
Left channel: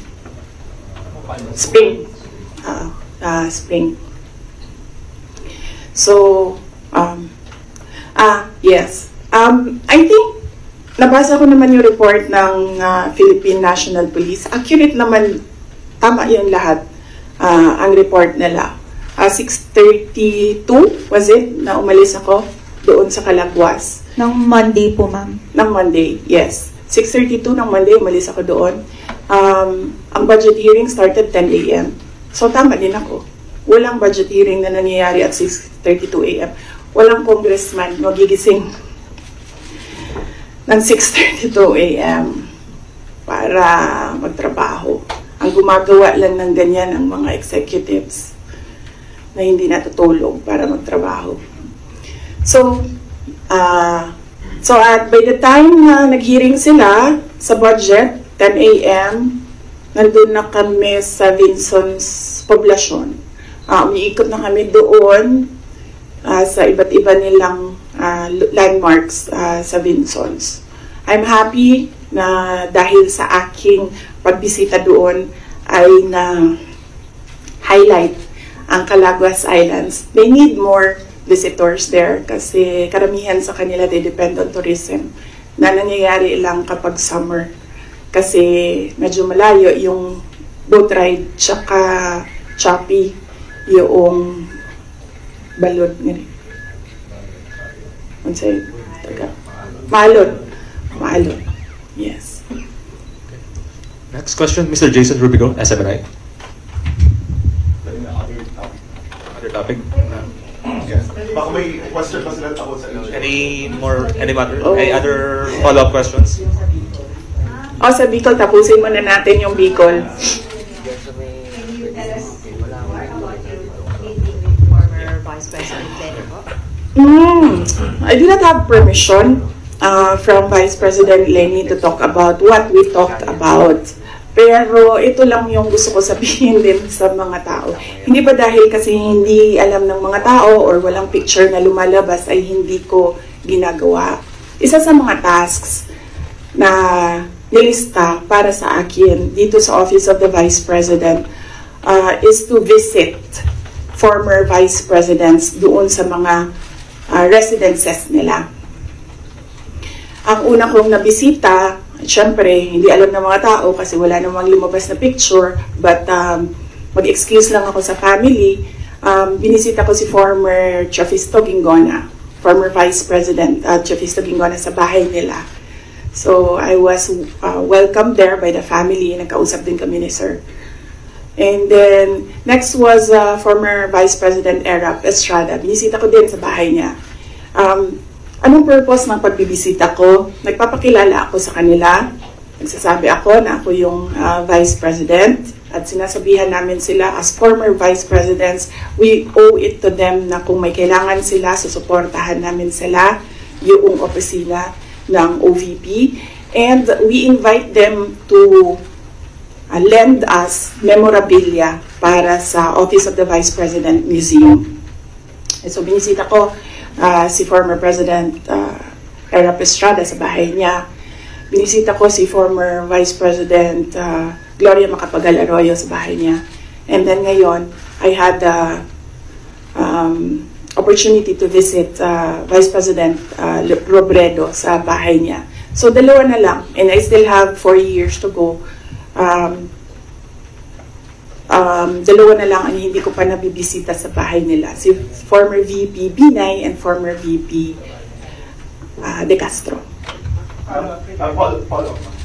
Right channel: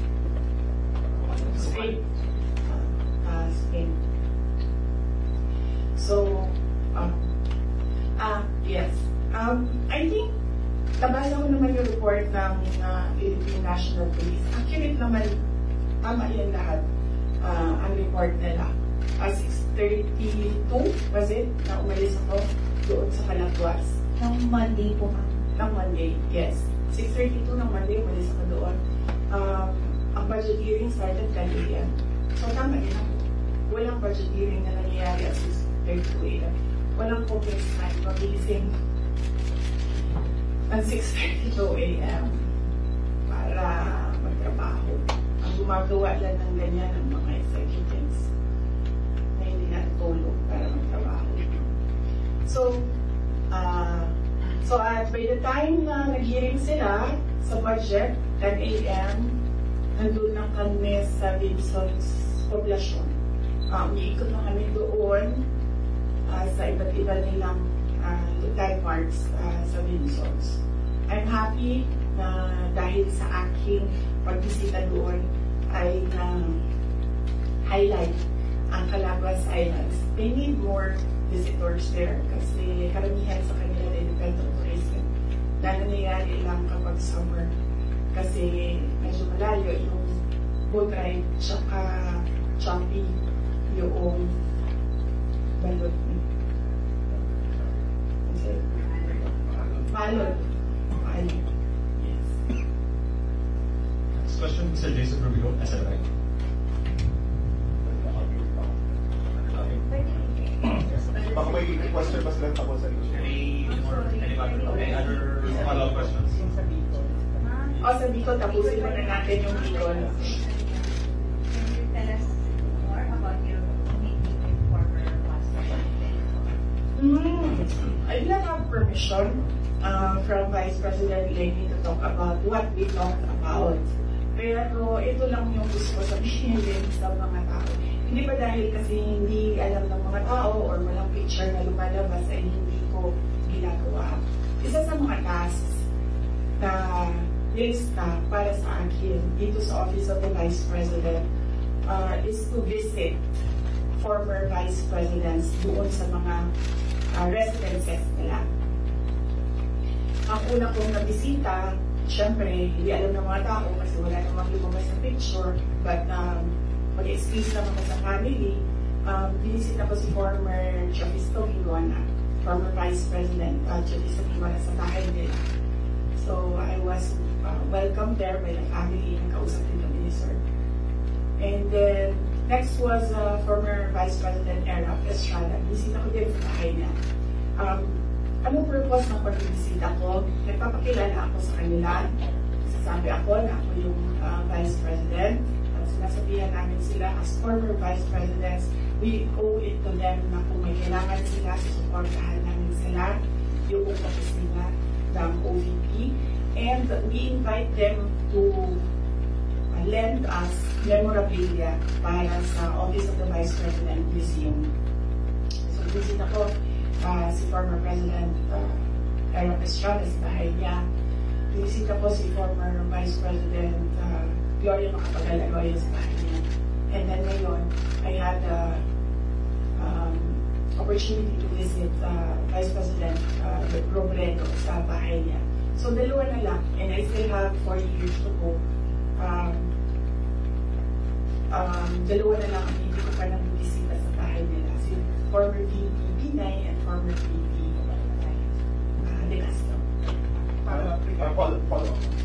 Spring. Spring. So, yes. I think, nabasa ko naman yung report ng Philippine National Police. Accurate naman, tama yung lahat. Ang report nila. 6:32 was it na umalis ako doon sa Calaguas. Ng Monday po, ma'am. Ng Monday, yes. 6:32 ng Monday, umalis ako doon. Ang budget hearing started 10 a.m. So tama din ako. Walang budget hearing na nangyayari at 6:32 a.m. Walang congressman magigising ng 6:32 a.m. para magtrabaho. Ang gumagawa lang ng ganyan ang mga executives na hindi natutulog para magtrabaho. So at by the time na nag-hearing sila sa budget, 10 a.m., nandun na kami sa Vinson's poblasyon. Umiikot na kami doon sa iba't iba nilang landmarks sa Vinson's. I'm happy na dahil sa aking pagbisita doon ay na-highlight ang Calaguas Islands. They need more visitors there kasi karamihan sa kanila they depend on tourism na nangyayari lang kapag summer kasi medyo malayo yung boat ride tsaka choppy yung balod nila. Ano sa'yo? Maalon. Yes. Next question, Mr. Jason Rubigo, SMNI. other topic? Yes. Baka may question pa sila tungkol sa Any other follow-up questions? Sa Bicol, tapusin muna natin yung Bicol. Can you tell us more about your meeting with former Vice President Lenny po? I did not have permission from Vice President Lenny to talk about what we talked about. Pero ito lang yung gusto ko sabihin din sa mga tao. Hindi ba dahil kasi hindi alam ng mga tao or walang picture na lumalabas ay hindi ko ginagawa. Isa sa mga tasks na nilista para sa akin dito sa Office of the Vice President is to visit former Vice Presidents doon sa mga residences nila. Ang una kong nabisita, syempre, hindi alam ng mga tao kasi wala namang lumabas na picture, but mag-excuse lang ako sa family. Binisita ko si former Chafisto Gingona, former Vice President Chafisto Gingona sa bahay nila. So, I was welcomed there by the family. Nagkausap din kami ni Sir. And then, next was former Vice President Erap Estrada. Binisita ko din sa bahay niya. Anong purpose ng pagbibisita ko? Nagpapakilala ako sa kanila. Nagsasabi ako na ako yung Vice President. At sinasabihan namin sila as former Vice Presidents, we owe it to them na kung may kailangan sila, susuportahan namin sila, yung opisina ng OVP. And we invite them to lend us memorabilia para sa Office of the Vice President Museum. So binisita ko si former President Erap Estrada sa bahay niya. Binisita ko si former Vice President Gloria Macapagal Arroyo sa bahay niya. And then ngayon, I had the opportunity to visit Vice President Robredo sa bahay niya. So dalawa na lang, and I still have 4 years to go. Dalawa na lang ang hindi ko pa nabibisita sa bahay nila. Si former VP Binay and former VP De Castro.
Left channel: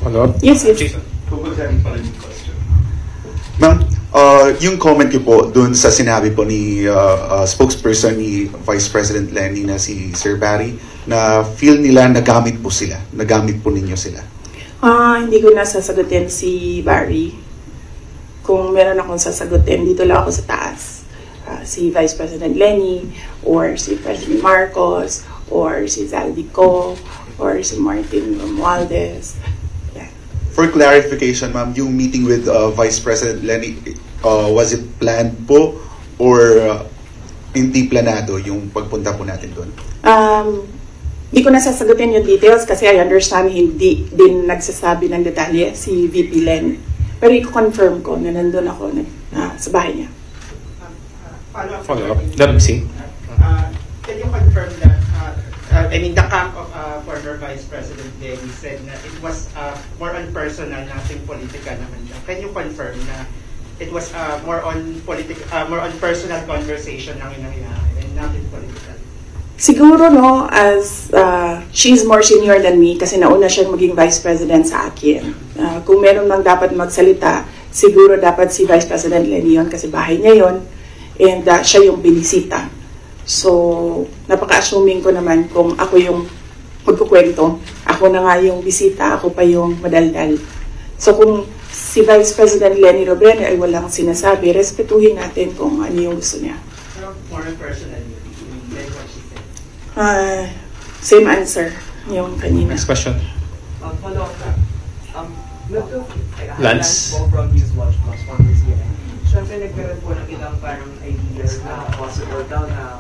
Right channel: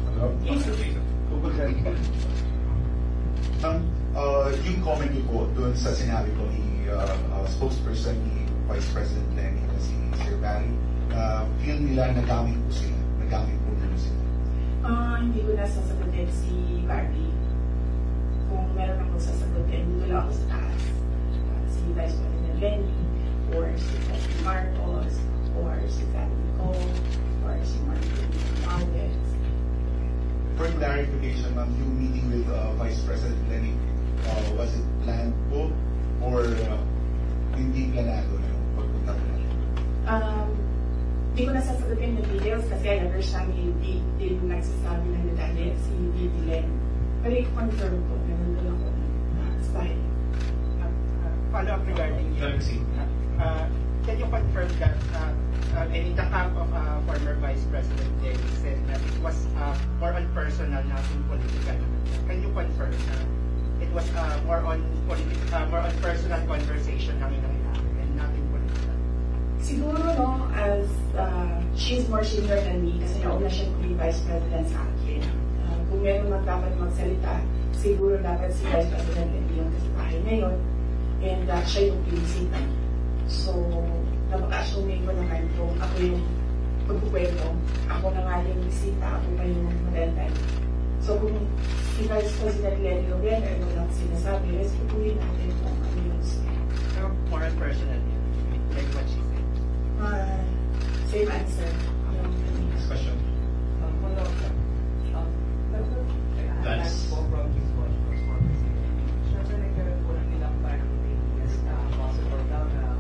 Follow-up? Yes. Jason. Ma'am, yung comment niyo po dun sa sinabi po ni spokesperson ni Vice President Lenny na si Sir Barry na feel nila nagamit po sila, nagamit po ninyo sila. Hindi ko na sasagutin si Barry. Kung meron akong sasagutin, dito lang ako sa taas. Si Vice President Lenny, or si President Marcos, or si Zaldico, or si Martin Romualdez. Yeah. For clarification, ma'am, yung meeting with Vice President Lenny, was it planned po or hindi planado yung pagpunta po natin doon? Hindi ko na sasagutin yung details kasi I understand hindi din nagsasabi ng detalye si VP Len. Pero i-confirm ko na nandun ako sa bahay niya. Follow-up. WC. Can you confirm that, I mean, the camp of former Vice President Lenny said that it was more on personal, nothing political naman siya. Can you confirm na it was more on personal conversation lang yung nangyayari and nothing political? Siguro no, as she's more senior than me kasi nauna siyang maging Vice President sa akin. Kung meron lang dapat magsalita, siguro dapat si Vice President Lenny yun kasi bahay niya yun and siya yung binisita. So, napaka-assuming ko naman kung ako yung magkukwento, ako na nga yung bisita, ako pa yung madaldal. So, kung si Vice President Lenny Robredo ay walang sinasabi, respetuhin natin kung ano yung gusto niya. More personal. Same answer yung kanina. Next question. Follow up ka. Lance? Po from Newswatch Plus for this year. Siyempre nagkaroon po ng ilang parang ideas na possible daw na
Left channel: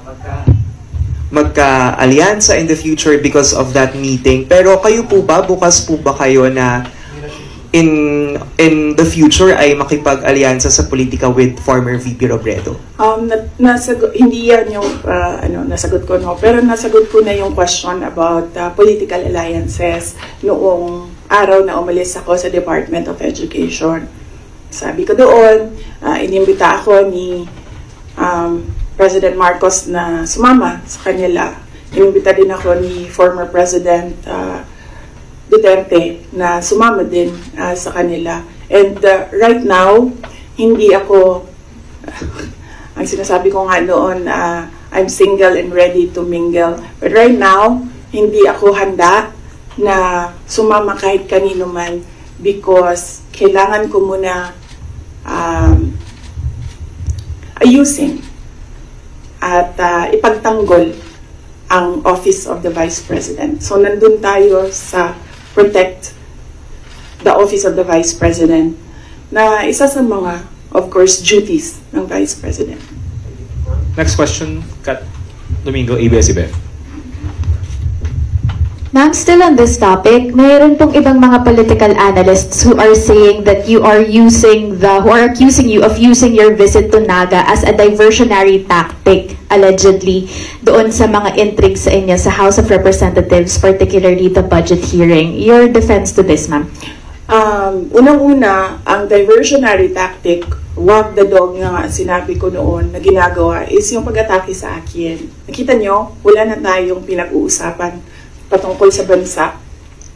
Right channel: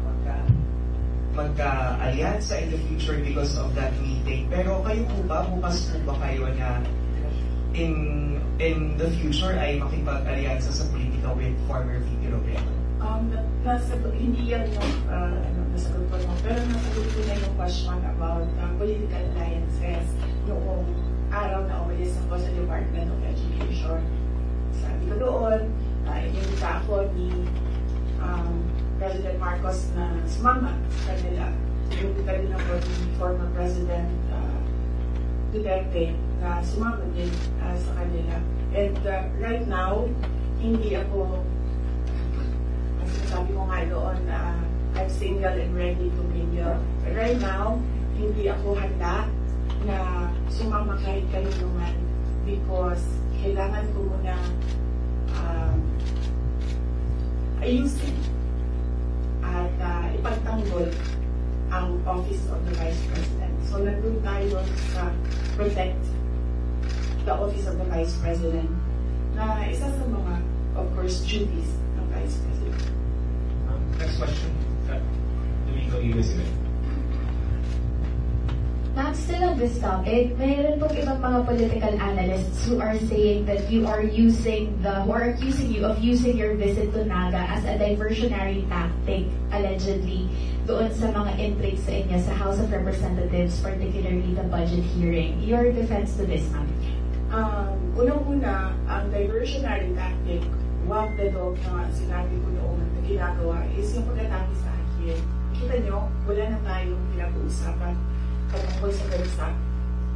magka-alyansa in the future because of that meeting. Pero kayo po ba, bukas po ba kayo na in the future ay makipag-alyansa sa politika with former VP Robredo? Hindi yan yung nasagot ko, no? Pero nasagot ko na yung question about political alliances noong araw na umalis ako sa Department of Education. Sabi ko doon, inimbita ako ni President Marcos na sumama sa kanila. Inimbita din ako ni former President Duterte na sumama din sa kanila. And right now, hindi ako Ang sinasabi ko nga noon, I'm single and ready to mingle. But right now, hindi ako handa na sumama kahit kanino man because kailangan ko muna ayusin at ipagtanggol ang Office of the Vice President. So nandun tayo sa protect the Office of the Vice President na isa sa mga, of course, duties ng Vice President. Next question, Kat Domingo, ABS-CBN. Ma'am, still on this topic, mayroon pong ibang mga political analysts who are saying that you are who are accusing you of using your visit to Naga as a diversionary tactic, allegedly, doon sa mga intrigues sa inyo sa House of Representatives, particularly the budget hearing. Your defense to this, ma'am? Unang-una, ang diversionary tactic, walk the dog nga sinabi ko noon na ginagawa is yung pag-atake sa akin. Nakita nyo, wala na tayong pinag-uusapan patungkol sa bansa,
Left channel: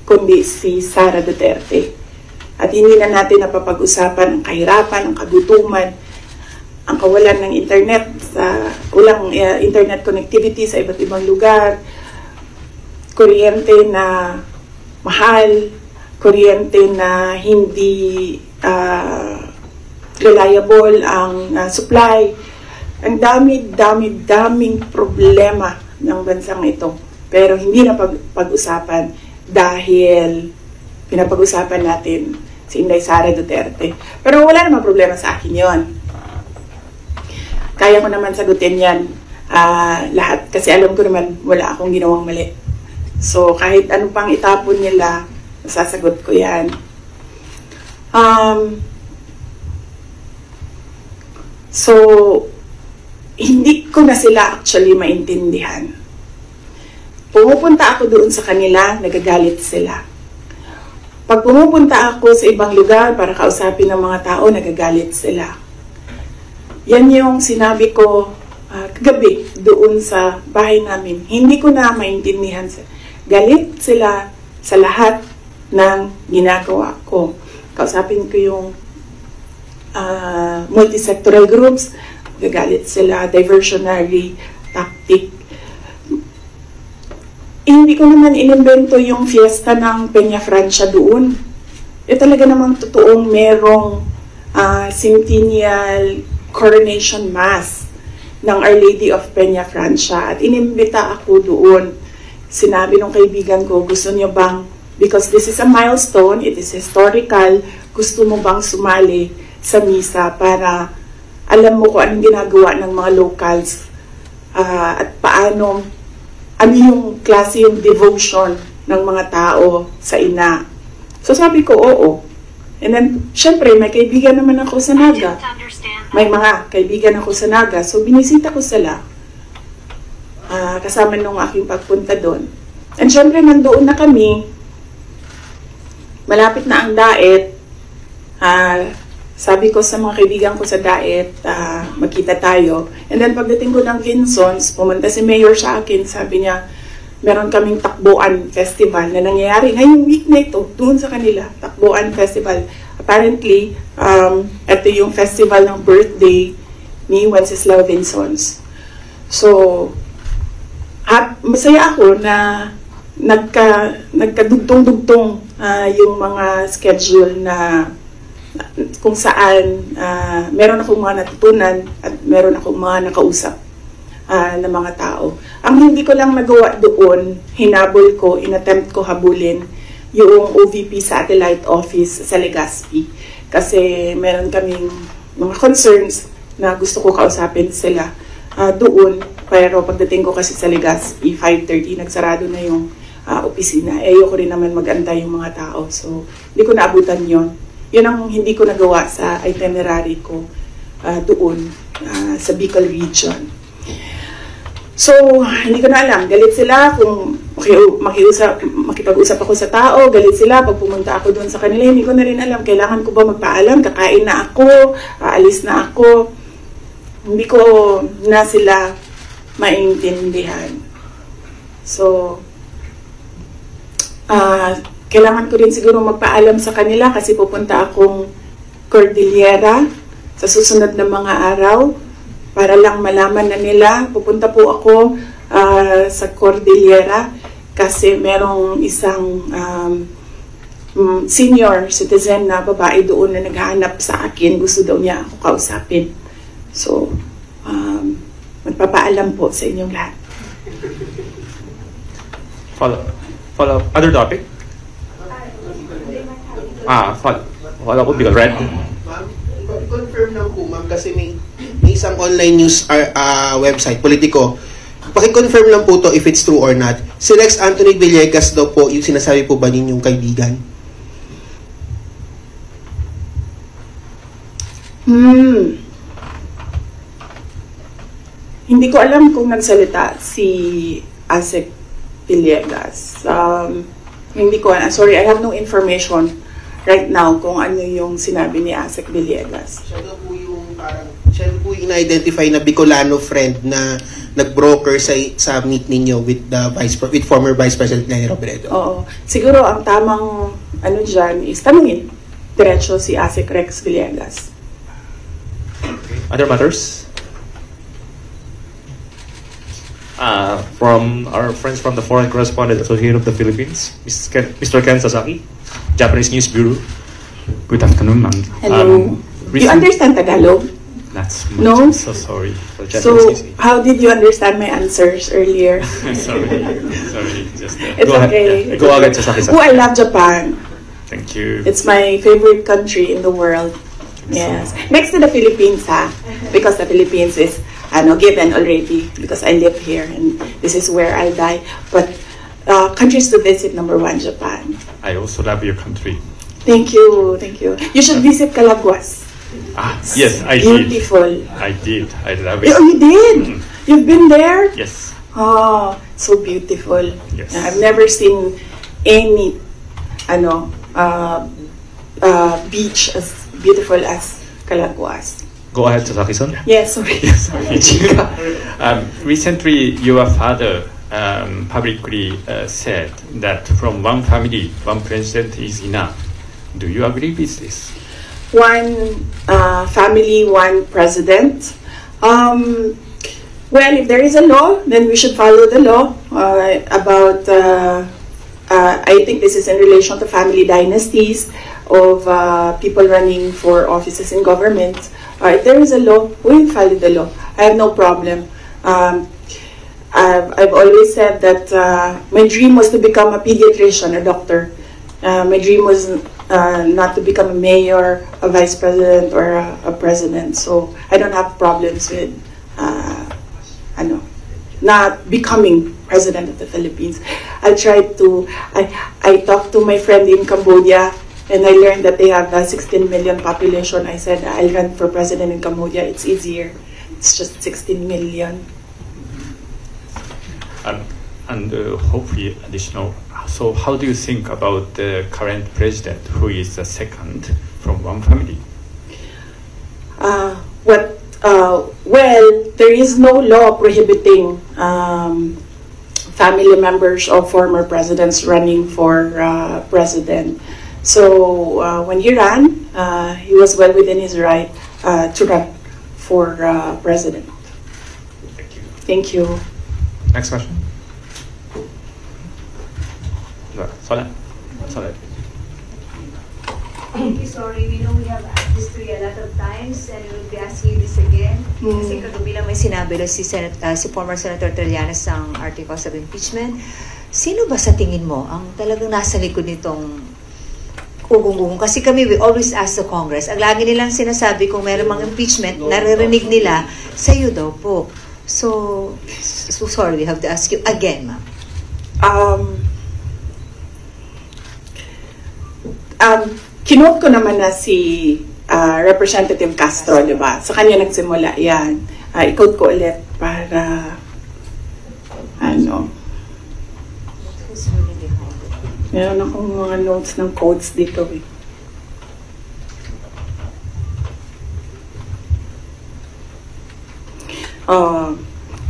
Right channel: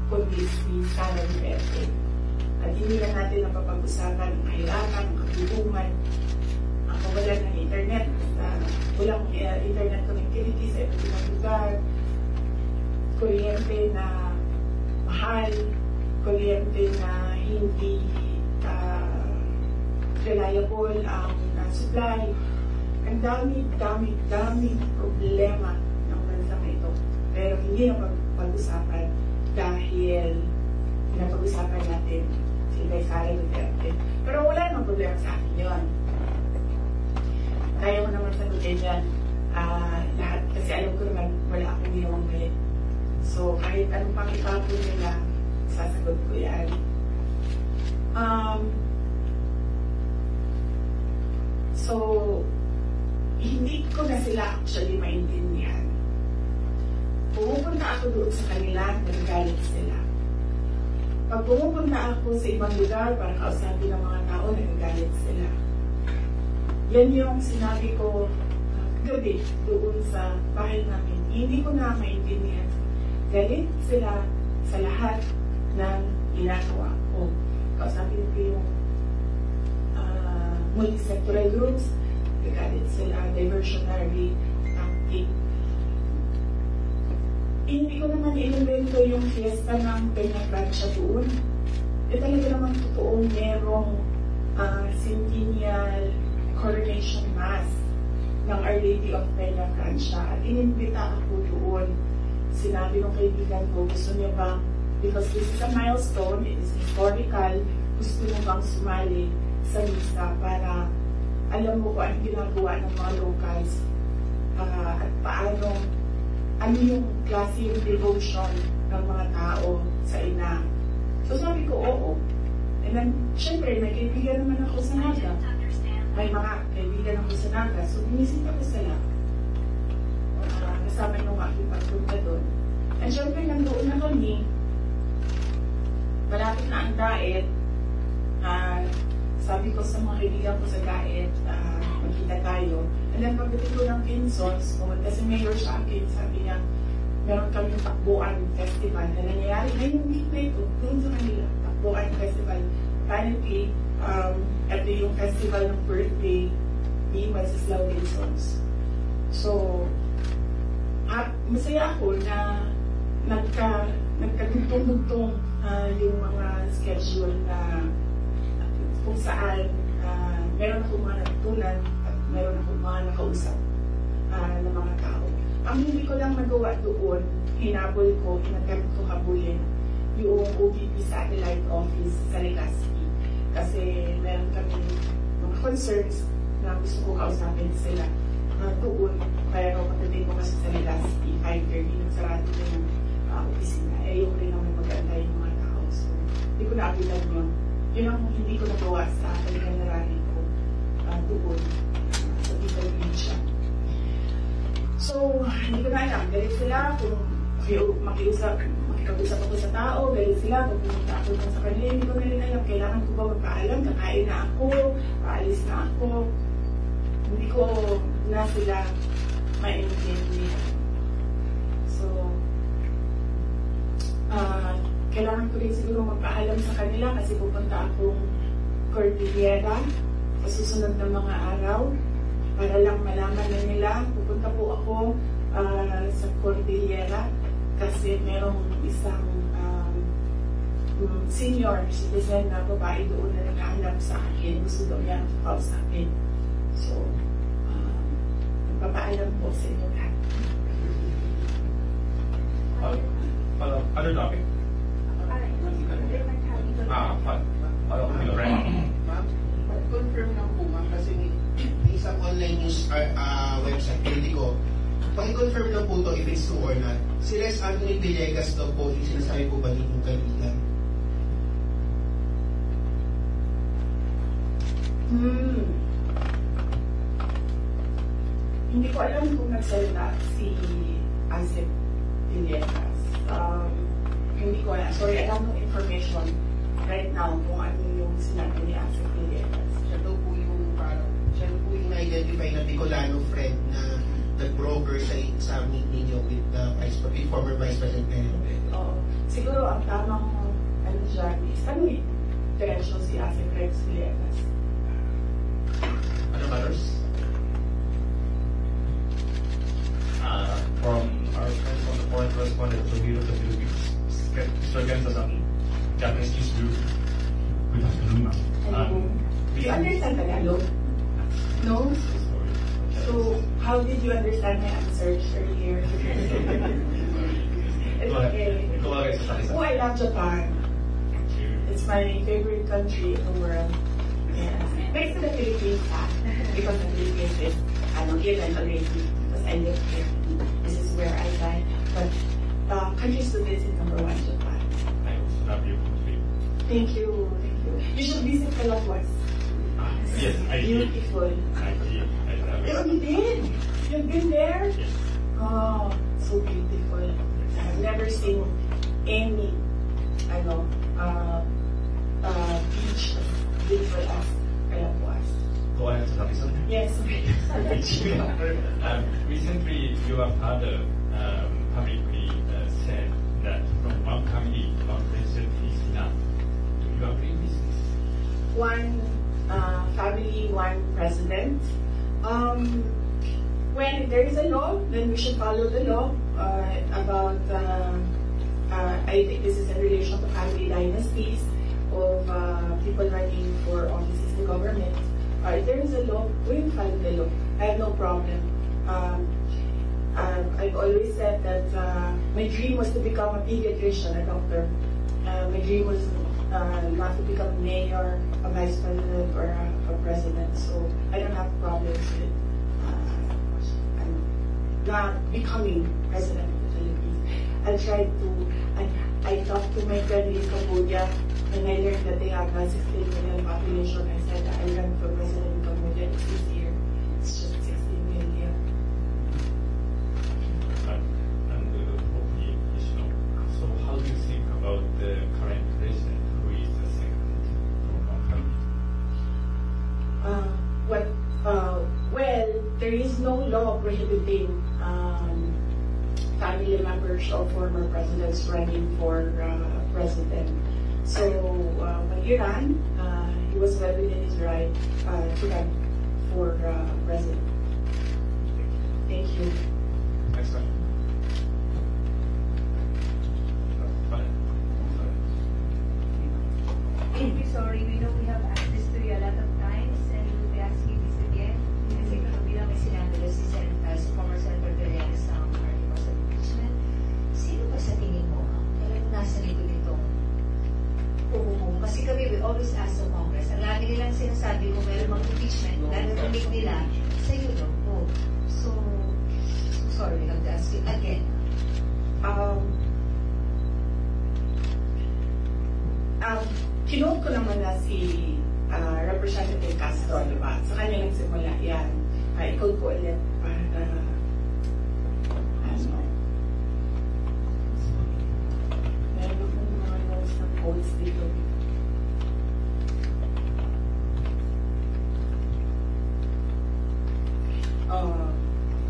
kundi si Sara Duterte. At hindi na natin napapag-usapan ang kahirapan, ang kagutuman, ang kawalan ng internet, walang internet connectivity sa iba't ibang lugar, kuryente na mahal, kuryente na hindi reliable ang supply. Ang daming problema ng bansang ito. Pero hindi na pag-usapan dahil pinapag-usapan natin si Inday Sara Duterte. Pero wala namang problema sa akin yon. Kaya ko naman sagutin yan lahat kasi alam ko naman wala akong ginawang mali. So kahit ano pang itapon nila, sasagot ko yan. So hindi ko na sila actually maintindihan. Pumupunta ako doon sa kanila, nagagalit sila. Pag pumupunta ako sa ibang lugar para kausapin ng mga tao, nagagalit sila. Yan yung sinabi ko kagabi doon sa bahay namin. Hindi ko na maintindihan. Galit sila sa lahat ng ginagawa ko. Kausapin ko yung multisectoral groups, nagagalit sila, diversionary tactic. Hindi ko naman inimbento yung fiesta ng Peña Francia doon. Talaga namang totoong merong centennial coronation mass ng Our Lady of Peña Francia. At inimbita ako doon. Sinabi ng kaibigan ko, gusto niyo bang, because this is a milestone, it is historical, gusto mo bang sumali sa misa para alam mo kung anong ginagawa ng mga locals at paano ano yung klase yung devotion ng mga tao sa ina. So sabi ko, oo. And then, syempre, may kaibigan naman ako sa Naga. May mga kaibigan ako sa Naga. So binisita ko sila. Kasama nung aking pagpunta doon. And syempre, nandoon na kami. Malapit na ang daet. Sabi ko sa mga kaibigan ko sa daet, magkita tayo. And then pagdating ko ng Vinsons, pumunta si Mayor sa akin, sabi niya, meron kaming Takbuan Festival na nangyayari ngayong week na ito, doon sa kanila, Takbuan Festival. Apparently, ito yung festival ng birthday ni Wenceslao Vinsons. So, masaya ako na nagkadugtong-dugtong yung mga schedule na kung saan meron akong mga natutunan at meron akong mga nakausap na mga tao. Ang hindi ko lang nagawa doon, hinabol ko, inattempt ko habulin yung OVP Satellite Office sa Legazpi. Kasi meron kaming mga concerns na gusto ko kausapin sila doon. Pero pagdating ko kasi sa Legazpi, 5:30, nagsarado na yung opisina. Ayoko rin naman mag-antay yung mga tao. So, hindi ko naabutan yon. Yun ang hindi ko nagawa sa itinerary ko doon sa Bicol region. So, hindi ko na alam. Galit sila kung makipag-usap ako sa tao. Galit sila pag pumunta ako doon sa kanila. Hindi ko na rin alam. Kailangan ko ba magpaalam? Kakain na ako? Aalis na ako? Hindi ko na sila maintindihan. So, kailangan ko rin siguro magpaalam sa kanila kasi pupunta akong Cordillera sa susunod na mga araw para lang malaman na nila, pupunta po ako sa Cordillera kasi merong isang senior citizen na babae doon na naghahanap sa akin. Gusto daw niya ako kausapin. So, magpapaalam po sa inyong lahat. Follow other topic? Follow up because red. Confirm lang po ma'am kasi may isang online news website, Politico. Paki-confirm lang po to if it's true or not. Si Rex Anthony Villegas daw po, yung sinasabi po ba ninyong kaibigan? Hindi ko alam kung nagsalita si Asek Villegas. Hindi ko, sorry, I have no information right now kung ano yung sinabi ni Asek Villegas. Siya po yung na-identify na Bicolano friend na nag-broker sa meet ninyo with former Vice President Lenny Robredo. Oo. Siguro ang tamang ano dyan is tanungin diretso si Asek Rex Villegas. Other matters? From our friends from the Foreign Correspondent Association of the Philippines, Mr. Ken Sasaki, Japanese News Bureau. Good afternoon, ma'am. Hello. You understand Tagalog? That's No? so sorry for Japanese So, news. how did you understand my answers earlier? sorry, just It's Go okay. ahead. Go ahead, Sasaki-san. Oh, I love Japan. thank you. It's my favorite country in the world. Yes. Next to the Philippines, because the Philippines is given already because I live here and this is where I die. But countries to visit, number 1, Japan. I also love your country. Thank you, thank you. You should visit Calaguas. Yes, I Beautiful. did. I did. I love it. Oh, you did? You've been there? Yes. Oh, so beautiful. Yes. I've never seen any beach as beautiful as Calaguas. Go ahead, Sasaki-san. Yes, sorry. Recently, your father publicly said that from one family, one president is enough. Do you agree with this? One family, one president. Well, if there is a law, then we should follow the law I think this is in relation to family dynasties of people running for offices in government. If there is a law, we will follow the law. I have no problem. I've always said that my dream was to become a pediatrician, a doctor. My dream was not to become a mayor, a vice president, or a president. So I don't have problems with not becoming president of the Philippines. I talked to my friend in Cambodia, and I learned that they have a 16 million population. I said, I'll run for president in Cambodia. It's easier. It's just 16 million. And hopefully additional. So how do you think about the current president, who is the second from one family? Well, there is no law prohibiting family members of former presidents running for president. So when he ran, he was well within his right to run for president. Thank you. Thank you. Next question. Solid. Thank you, sorry. We know we have asked this to you a lot of times and we'll be asking you this again. Kasi katubi lang may sinabi rin si former Senator Trillanes ang articles of impeachment. Sino ba sa tingin mo ang talagang nasa likod nitong ugong-ugong? Kasi kami, we always ask the Congress. Ang lagi nilang sinasabi kung meron mga impeachment, naririnig nila, sa'yo daw po. So sorry, we have to ask you again, ma'am. Kinote ko naman na si Representative Castro, di ba? Sa kanya nagsimula yan. I-quote ko ulit para meron akong mga notes ng quotes dito eh.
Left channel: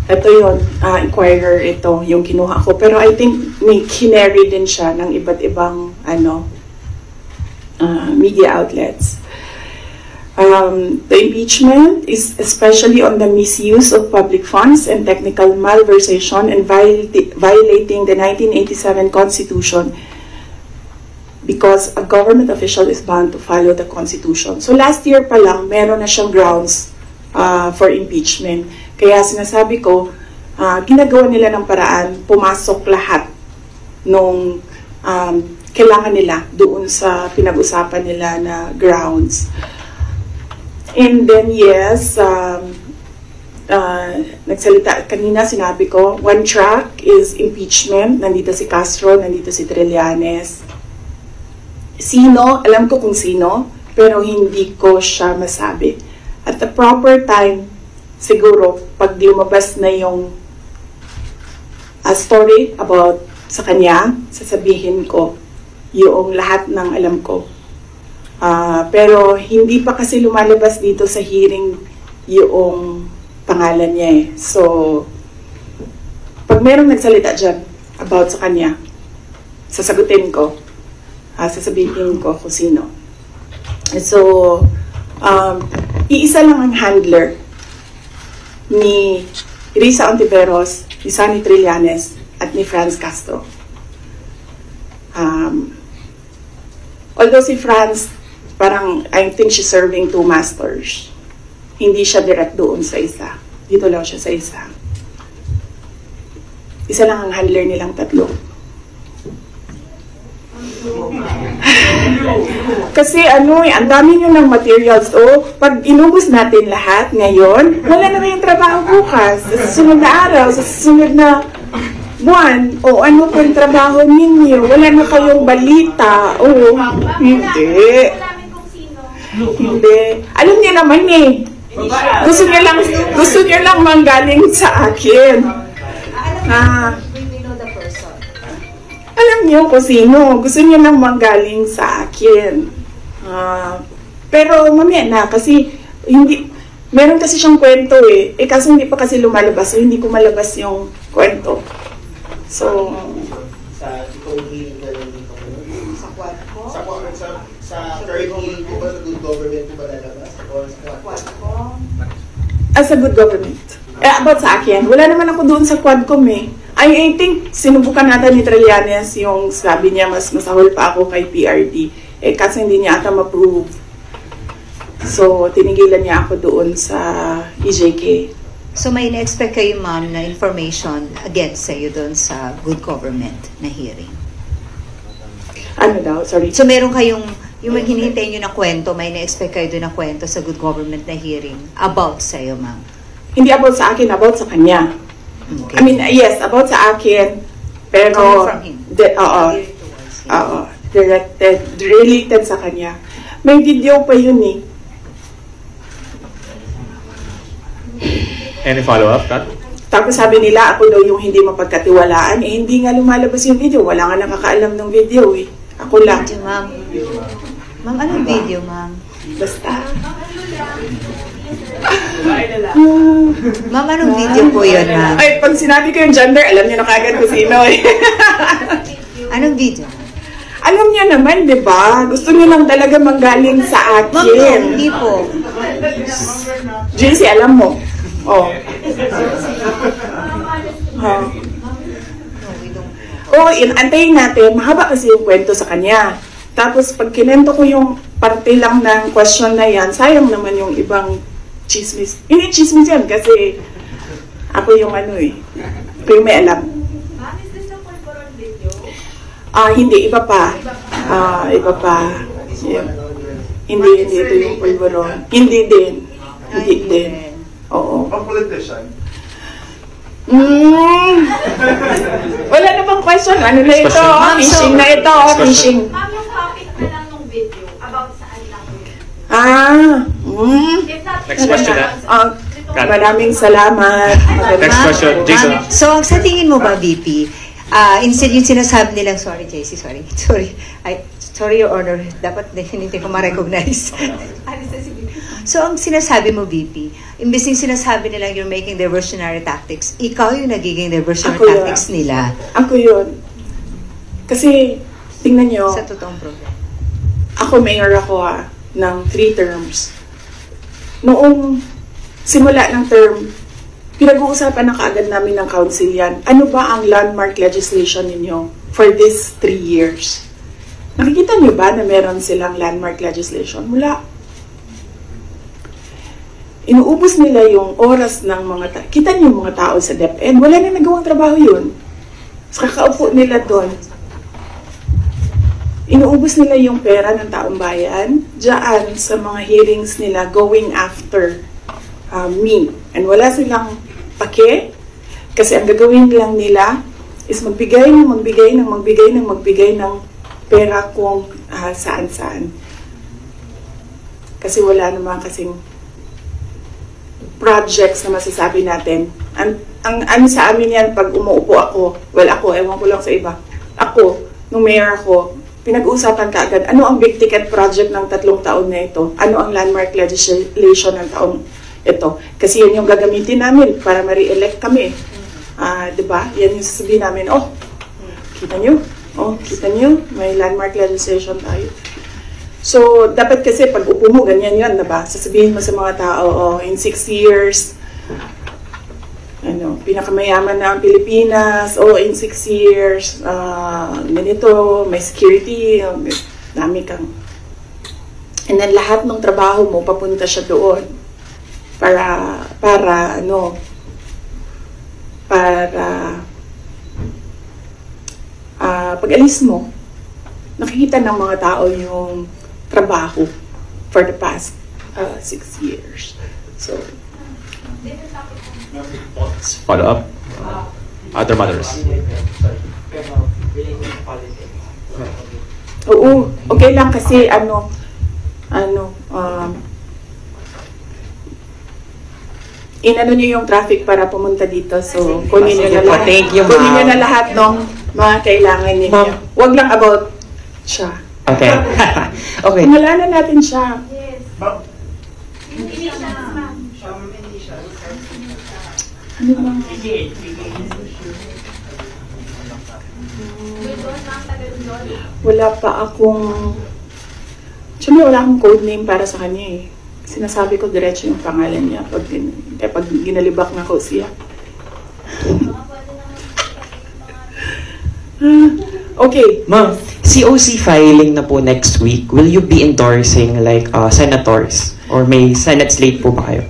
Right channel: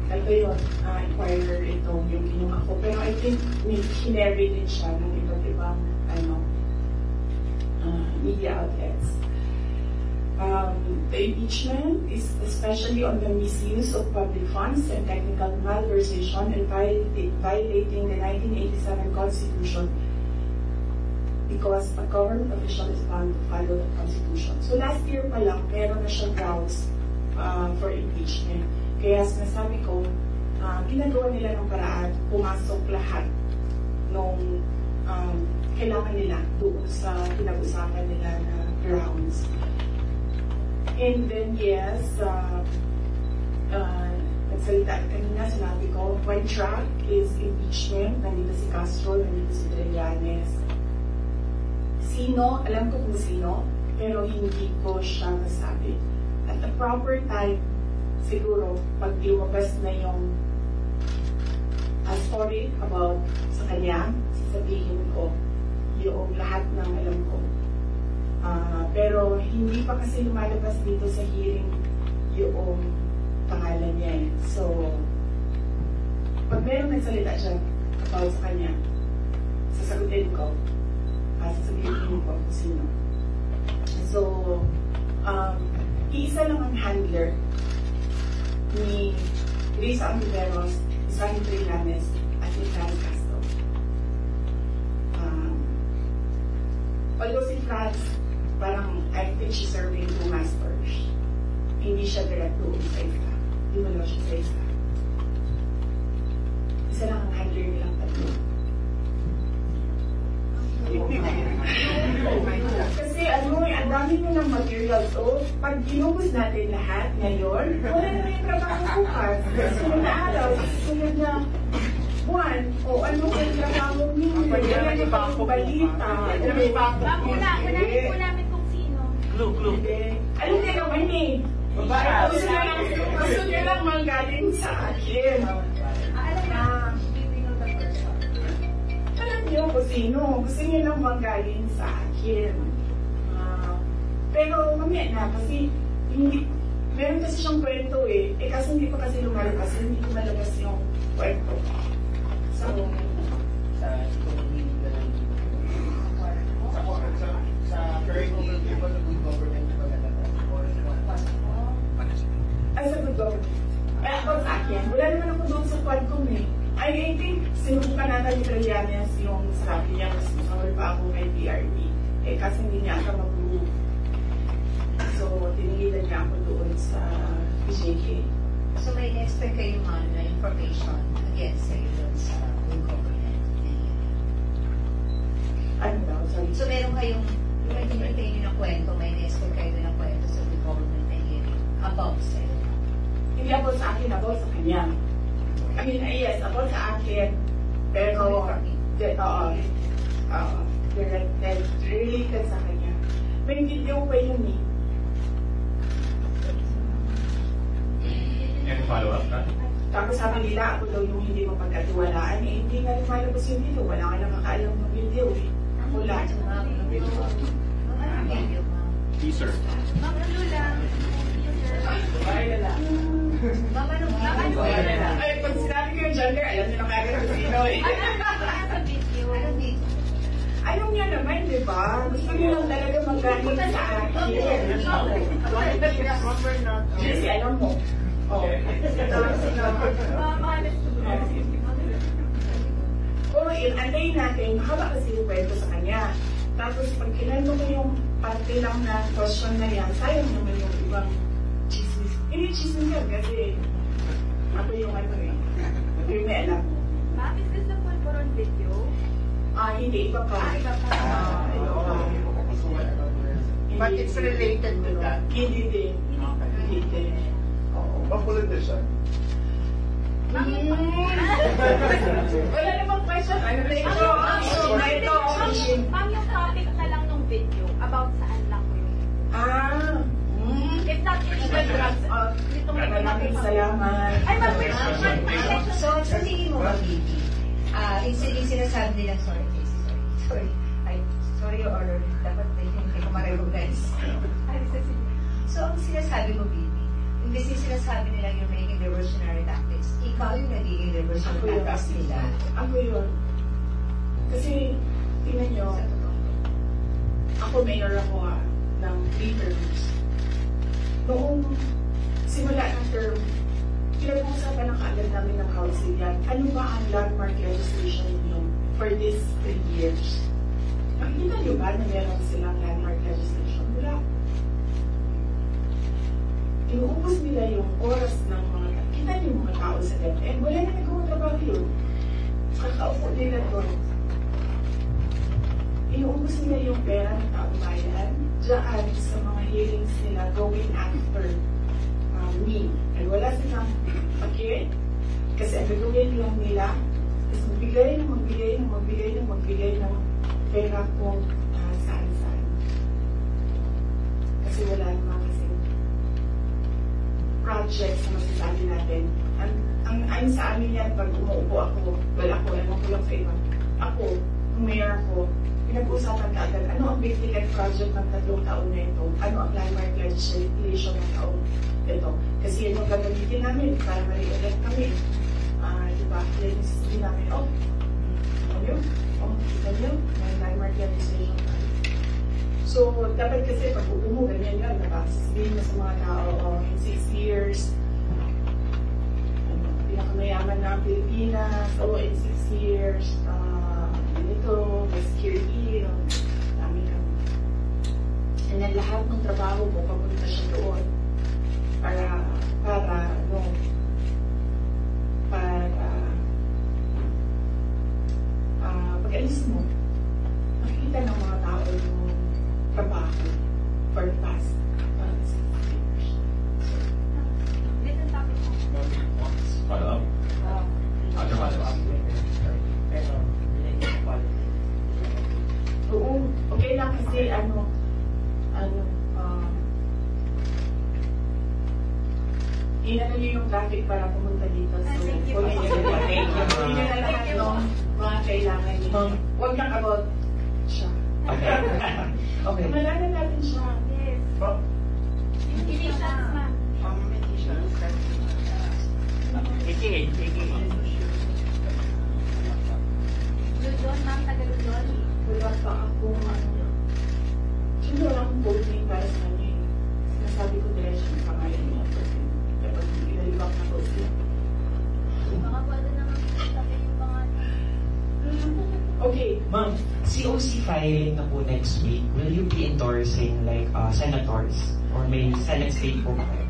Ito yun, Inquirer ito, yung kinuha ko. Pero I think may kinary din siya ng iba't ibang media outlets. The impeachment is especially on the misuse of public funds and technical malversation and violating the 1987 Constitution, because a government official is bound to follow the Constitution. So last year pa lang, meron na siyang grounds for impeachment. Kaya sinasabi ko, ginagawa nila ng paraan, pumasok lahat nung kailangan nila doon sa pinag-usapan nila na grounds. And then yes, nagsalita kanina, sinabi ko, one track is impeachment. Nandito si Castro, nandito si Trillanes. Sino? Alam ko kung sino, pero hindi ko siya masabi. At the proper time, siguro, pag lumabas na yung story about sa kanya, sasabihin ko yung lahat ng alam ko. Pero hindi pa kasi lumalabas dito sa hearing yung pangalan niya eh. So, pag merong nagsalita dyan about sa kanya, sasagutin ko. Sasabihin ko kung sino. So, iisa lang ang handler ni Risa Ontiveros, ni Sonny Trillanes, at ni Franz Castro. Although si Franz, parang, I think she's serving two masters. Hindi siya direct doon sa isa. Dito lang siya sa isa. Isa lang ang handler nilang tatlo. Kasi ang dami nyo ng materials. Pag inubos natin lahat ngayon, wala na yung trabaho bukas. Sa susunod na araw, sa susunod na buwan, ano po yung trabaho ninyo? Wala na kayong balita. Hindi. Hindi. Alam niyo naman eh. Gusto niyo lang manggaling sa akin. Alam niyo kung sino. Gusto niyo lang manggaling sa akin. Pero mamaya na kasi hindi, meron kasi siyang kwento eh. Kasi hindi pa kasi lumalabas. So hindi ko malabas yung kwento. So, sa hearing na lang dito. Sa quad ko? Sa third hearing ko ba sa good government ko ba lalabas? O sa quad ko? Sa good government. About sa akin, wala naman ako doon sa Quadcom eh. I think sinubukan natin ni Trillanes yung sabi niya mas masahol pa ako kay PRD. Kasi hindi niya ata ma-prove. So, tinigilan niya ako doon sa EJK. So may na-expect kayo, ma'am, na information against sa'yo doon sa good government na hearing? Ano daw? Sorry. So meron kayong, yung hinihintay nyo na kwento, may na-expect kayo doon na kwento sa good government na hearing about sa'yo, ma'am? Hindi about sa akin, about sa kanya. Okay. I mean, yes, about sa akin, pero related sa kanya. May video pa yun eh. Any follow-up, Kat? Tapos sabi nila, ako daw yung hindi mapagkatiwalaan. Hindi nga lumalabas yung video. Wala nga nakakaalam ng video eh. Ako lang. Video, ma'am. Ma'am, anong video, ma'am? Basta. Ma'am, anong video po yun, ma'am? Ay, pag sinabi ko yung gender, alam niyo na kagad kung sino eh. Anong video? Alam niyo naman, di ba? Gusto niyo lang talaga manggaling sa akin. Ma'am, hindi po. JC, alam mo. Antayin natin. Mahaba kasi yung kwento sa kanya. Tapos pag kinento ko yung parte lang ng question na yan, sayang naman yung ibang chismis. Hindi chismis yan kasi ako yung ako yung may alam. Hindi, iba pa. Iba pa. Yeah. Hindi ito yung pulburon. Hindi din. Oo. Ang politician? Wala na bang question? Ano na ito? Fishing na ito. Fishing. Ma'am, yung topic na lang ng video about saan lang. Next question na. Maraming salamat. Next question, Jason. So, sa tingin mo ba, VP, instead yung sinasabi nilang, sorry, JC, sorry, Your Honor, dapat hindi ko ma-recognize. So, ang sinasabi mo, VP, imbes yung sinasabi nilang you're making diversionary tactics, ikaw yung nagiging diversionary tactics nila. Ako yun. Kasi, tingnan nyo, Sa totoong problem. ako mayor ako ng 3 terms. noong simula ng term, pinag-uusapan na kaagad namin ng council yan. Ano ba ang landmark legislation ninyo for these 3 years? Nakikita niyo ba na meron silang landmark legislation? Wala. Inuubos nila yung oras ng mga tao. Kita niyo yung mga tao sa DepEd, wala na nagawang trabaho yun. So, kakaupo nila doon. Inuubos nila yung pera ng taong bayan dyan sa mga hearings nila going after me. And wala silang pake kasi ang gagawin lang nila is magbigay ng pera kung saan-saan. Kasi wala naman kasing projects na masasabi natin. Ang sa amin yan, pag umuupo ako, ewan ko lang sa iba, ako, nung mayor ako, pinag-uusapan kaagad, ano ang big ticket project ng 3 taon na ito? Ano ang landmark legislation ng taong ito? Kasi yun yung gagamitin namin para ma-re-elect kami. Diba? Yan yung sasabihin namin, kita nyo, may landmark legislation tayo. So, dapat kasi pag upo mo, ganyan yun, diba? Sasabihin mo sa mga tao, in 6 years, pinakamayaman na ang Pilipinas, in 6 years, ganito, may security, dami kang. And then lahat ng trabaho mo, papunta siya doon para pag alis mo, nakikita ng mga tao yung trabaho for the past 6 years. So, follow up. Other matters. Oo, okay lang kasi inano niyo yung traffic para pumunta dito. So, kunin niyo na lahat. Thank you, Kunin niyo ma'am. na lahat ng mga kailangan ninyo. Ma'am. Wag lang about siya. Okay. Okay. Pangalanan natin siya. Yes. Hindi siya. Ano bang? Wala pa akong... Siyempre, wala akong code name para sa kanya eh. Sinasabi ko diretso yung pangalan niya pag ginalibak na ko siya. Okay. Ma'am, COC filing na po next week. Will you be endorsing like senators? Or may Senate slate po ba kayo?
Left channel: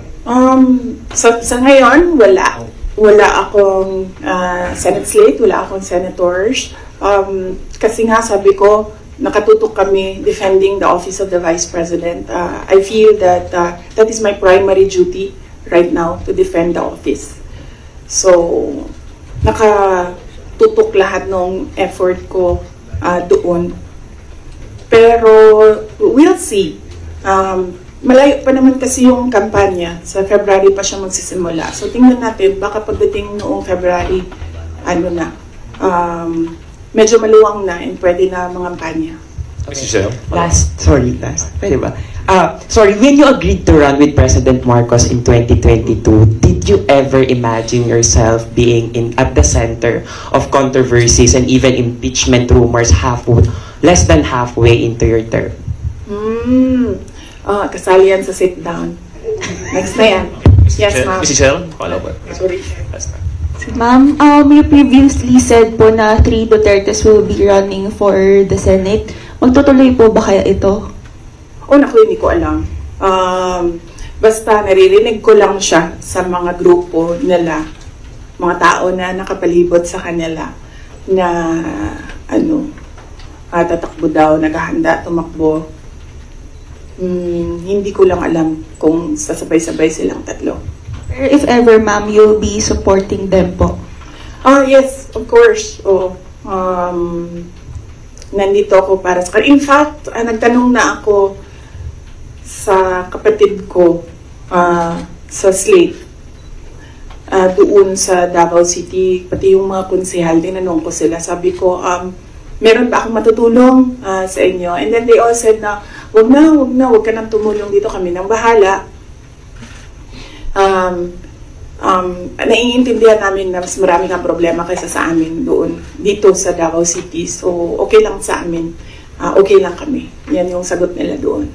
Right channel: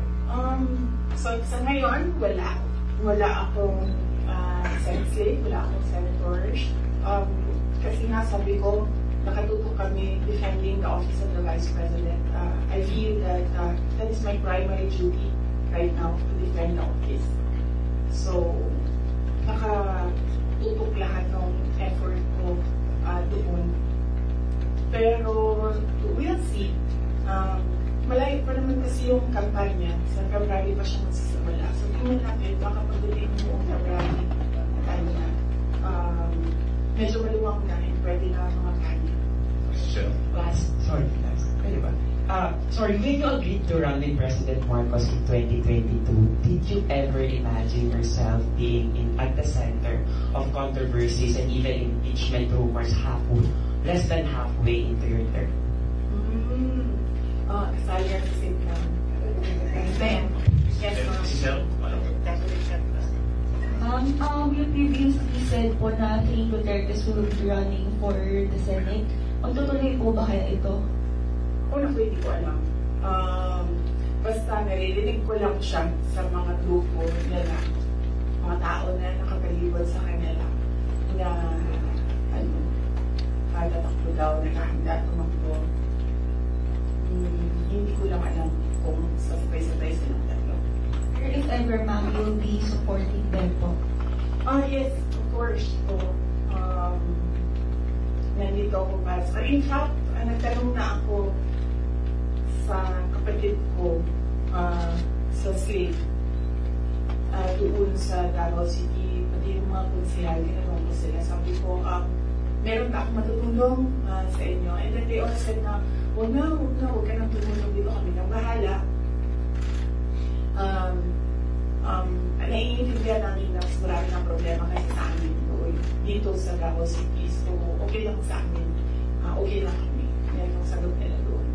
Sa ngayon, wala. Wala akong Senate slate, wala akong senators. Kasi nga sabi ko, nakatutok kami defending the office of the Vice President. I feel that that is my primary duty right now, to defend the office. So, nakatutok lahat ng effort ko doon. Pero, we'll see. Malayo pa naman kasi yung kampanya. Sa February pa siya magsisimula. So, tingnan natin, baka pagdating noong February, medyo maluwang na and pwede na mga kampanya. Last. Pwede ba? Sorry, when you agreed to run with President Marcos in 2022, did you ever imagine yourself being at the center of controversies and even impeachment rumors less than halfway into your term? Kasali yan sa sit down. Next na yan. Yes, ma'am. Mrs. Cheryl, follow up. Sorry. Ma'am, you previously said po na 3 Dutertes will be running for the Senate. Magtutuloy po ba kaya ito? Naku, hindi ko alam. Basta naririnig ko lang siya sa mga grupo nila, mga tao na nakapalibot sa kanila na tatakbo daw, naghahanda, tumakbo. Hindi ko lang alam kung sasabay-sabay silang tatlo. If ever, ma'am, you'll be supporting them po? Yes, of course. Nandito ako para sa kanila. In fact, nagtanong na ako sa kapatid ko sa slate doon sa Davao City, pati yung mga konsehal, tinanong ko sila. Sabi ko, meron ba akong matutulong sa inyo? And then they all said na, wag ka nang tumulong dito, kami nang bahala. Naiintindihan namin na mas marami kang problema kaysa sa amin doon, dito sa Davao City. So, okay lang sa amin. Okay lang kami. Yan yung sagot nila doon.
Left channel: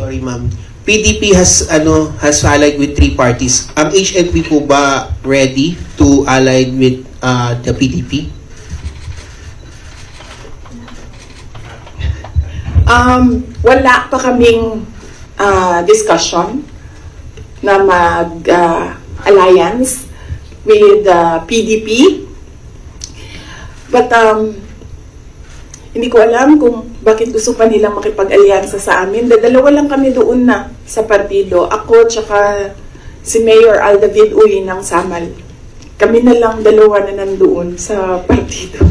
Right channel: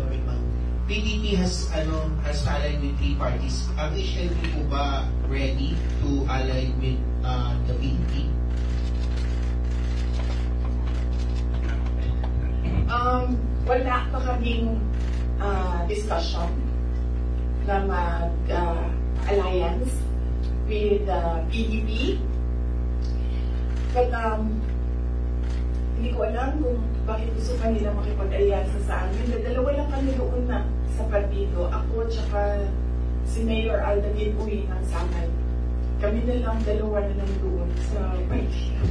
Sorry, ma'am. PDP has allied with 3 parties. Ang HNP po ba ready to ally with the PDP? Wala pa kaming discussion na mag-alliance with PDP. But hindi ko alam kung bakit gusto pa nilang makipag-alyansa sa amin. Dalawa lang kami doon na sa partido. Ako tsaka si Mayor Aldavid Uy ng Samal. Kami na lang dalawa na nandoon sa partido.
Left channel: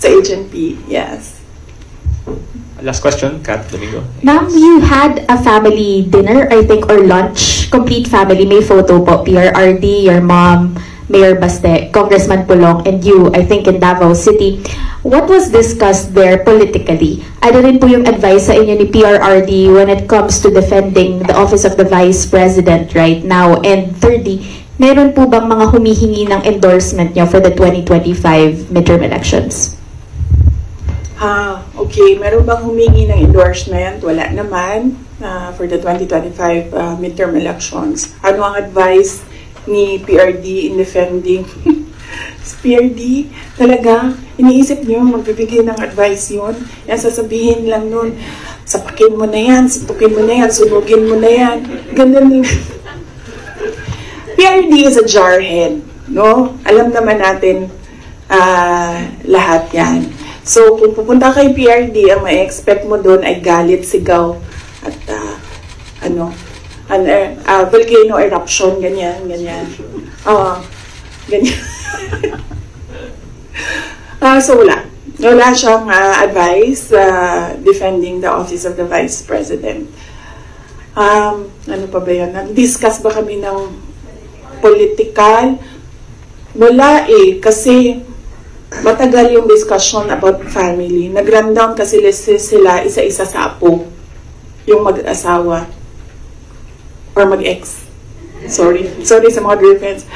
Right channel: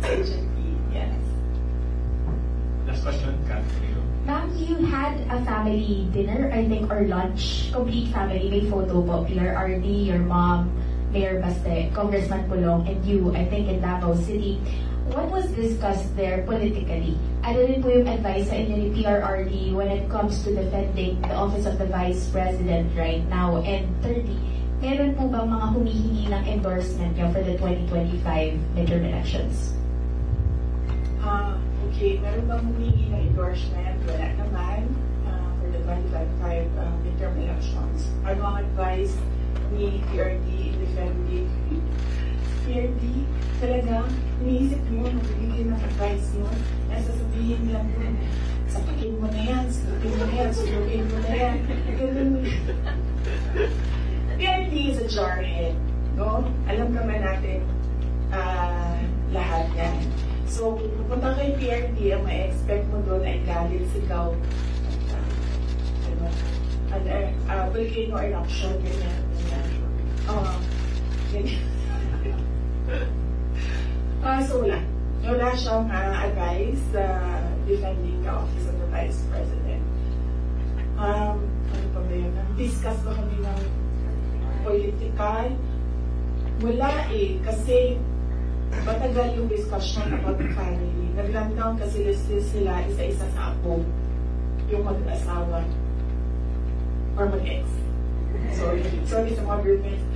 Sa HNP, yes. Last question, Kat Domingo. Ma'am, you had a family dinner, I think, or lunch. Complete family. May photo po. PRRD, your mom, Mayor Baste, Congressman Pulong, and you, I think, in Davao City. What was discussed there politically? Ano rin po yung advice sa inyo ni PRRD when it comes to defending the office of the Vice President right now? And thirdly, meron po bang mga humihingi ng endorsement nyo for the 2025 midterm elections? Okay. Meron bang humingi ng endorsement? Wala naman for the 2025 midterm elections. Ano ang advice ni PRD in defending? PRD, talaga, iniisip niyo, magbibigay ng advice yun. Yan, sasabihin lang nun, sapakin mo na yan, suntukin mo na yan, sunugin mo na yan. Ganun. PRD is a jarhead, no? Alam naman natin lahat yan. So, kung pupunta kay PRD, ang ma-expect mo doon ay galit, sigaw, at volcano eruption, ganyan. Ganyan. So wala siyang advice defending the office of the Vice President. Ano pa ba yun? Nag-discuss ba kami ng political? Wala kasi matagal yung discussion about family. Nag-rundown kasi sila isa-isa sa apo, yung mag-asawa or mag-ex. Sorry sa mga girlfriends.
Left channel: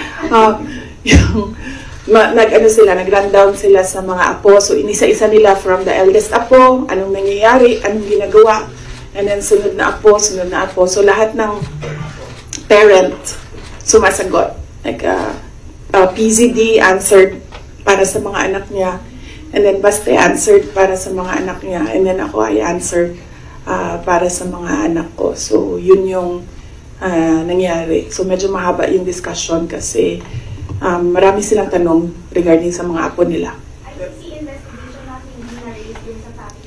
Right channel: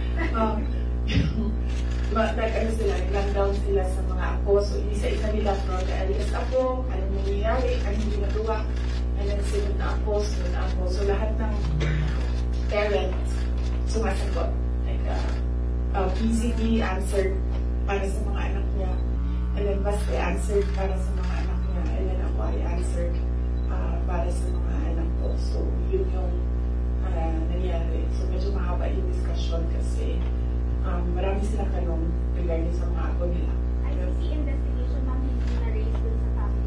Nag-rundown sila sa mga apo. So, inisa-isa nila from the eldest apo, anong nangyayari, anong ginagawa, and then sunod na apo. So, lahat ng parent sumasagot. Like, PZD answered para sa mga anak niya, and then Baste answered para sa mga anak niya, and then ako ay answered para sa mga anak ko. So, yun yung nangyari. So, medyo mahaba yung discussion kasi marami silang tanong regarding sa mga apo nila.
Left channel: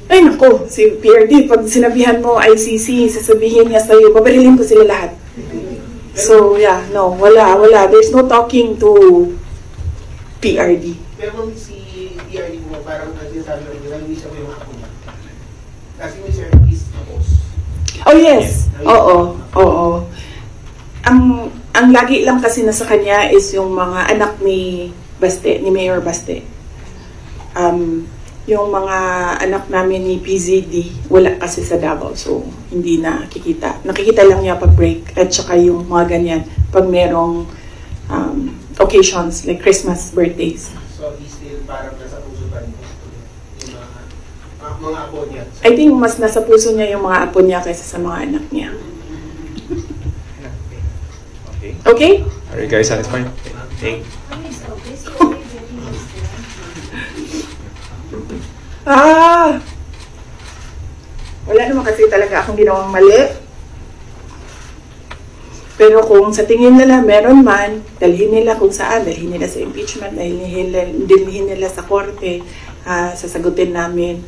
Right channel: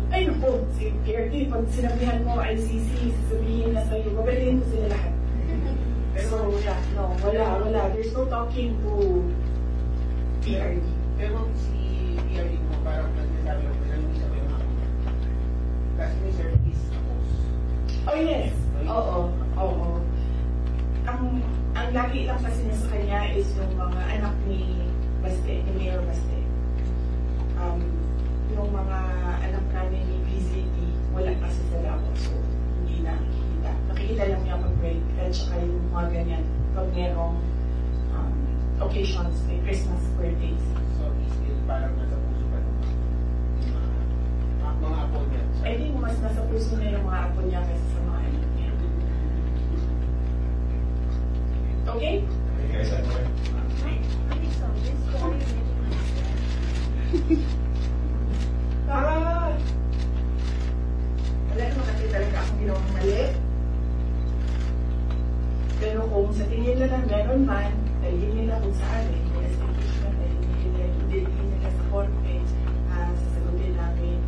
Ay nako, si PRD, pag sinabihan mo ICC, sasabihin niya sa'yo, babarilin ko sila lahat. So yeah, no, wala. There's no talking to PRD. Pero si PRD mo, parang nagsasabi lang, hindi siya yung ako. Kasi may Sir is tapos. Oh yes, oo. Ang lagi lang kasi nasa kanya is yung mga anak ni Baste, ni Mayor Baste. Yung mga anak namin ni PZD, wala kasi sa Davao, so hindi nakikita. Nakikita lang niya pag break, at saka yung mga ganyan, pag merong occasions like Christmas, birthdays. So, still parang nasa puso pa niya yung mga apo niya? I think mas nasa puso niya yung mga apo niya kaysa sa mga anak niya. Okay? Are you guys satisfied? Okay. Wala naman kasi talaga akong ginawang mali. Pero kung sa tingin nila meron man, dalhin nila kung saan, dalhin nila sa impeachment, dalhin nila sa korte, sasagutin namin.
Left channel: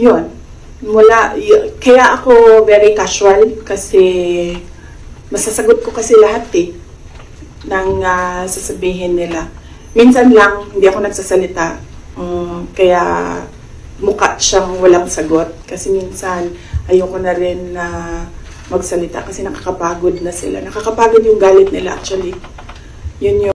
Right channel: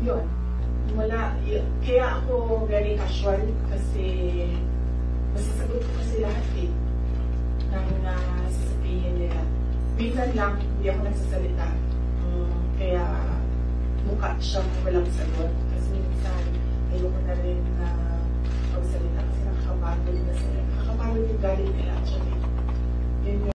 Yun. Kaya ako very casual kasi masasagot ko kasi lahat ng sasabihin nila. Minsan lang, hindi ako nagsasalita. Kaya mukha siyang walang sagot. Kasi minsan, ayoko na rin magsalita kasi nakakapagod na sila. Nakakapagod yung galit nila actually. Yun yung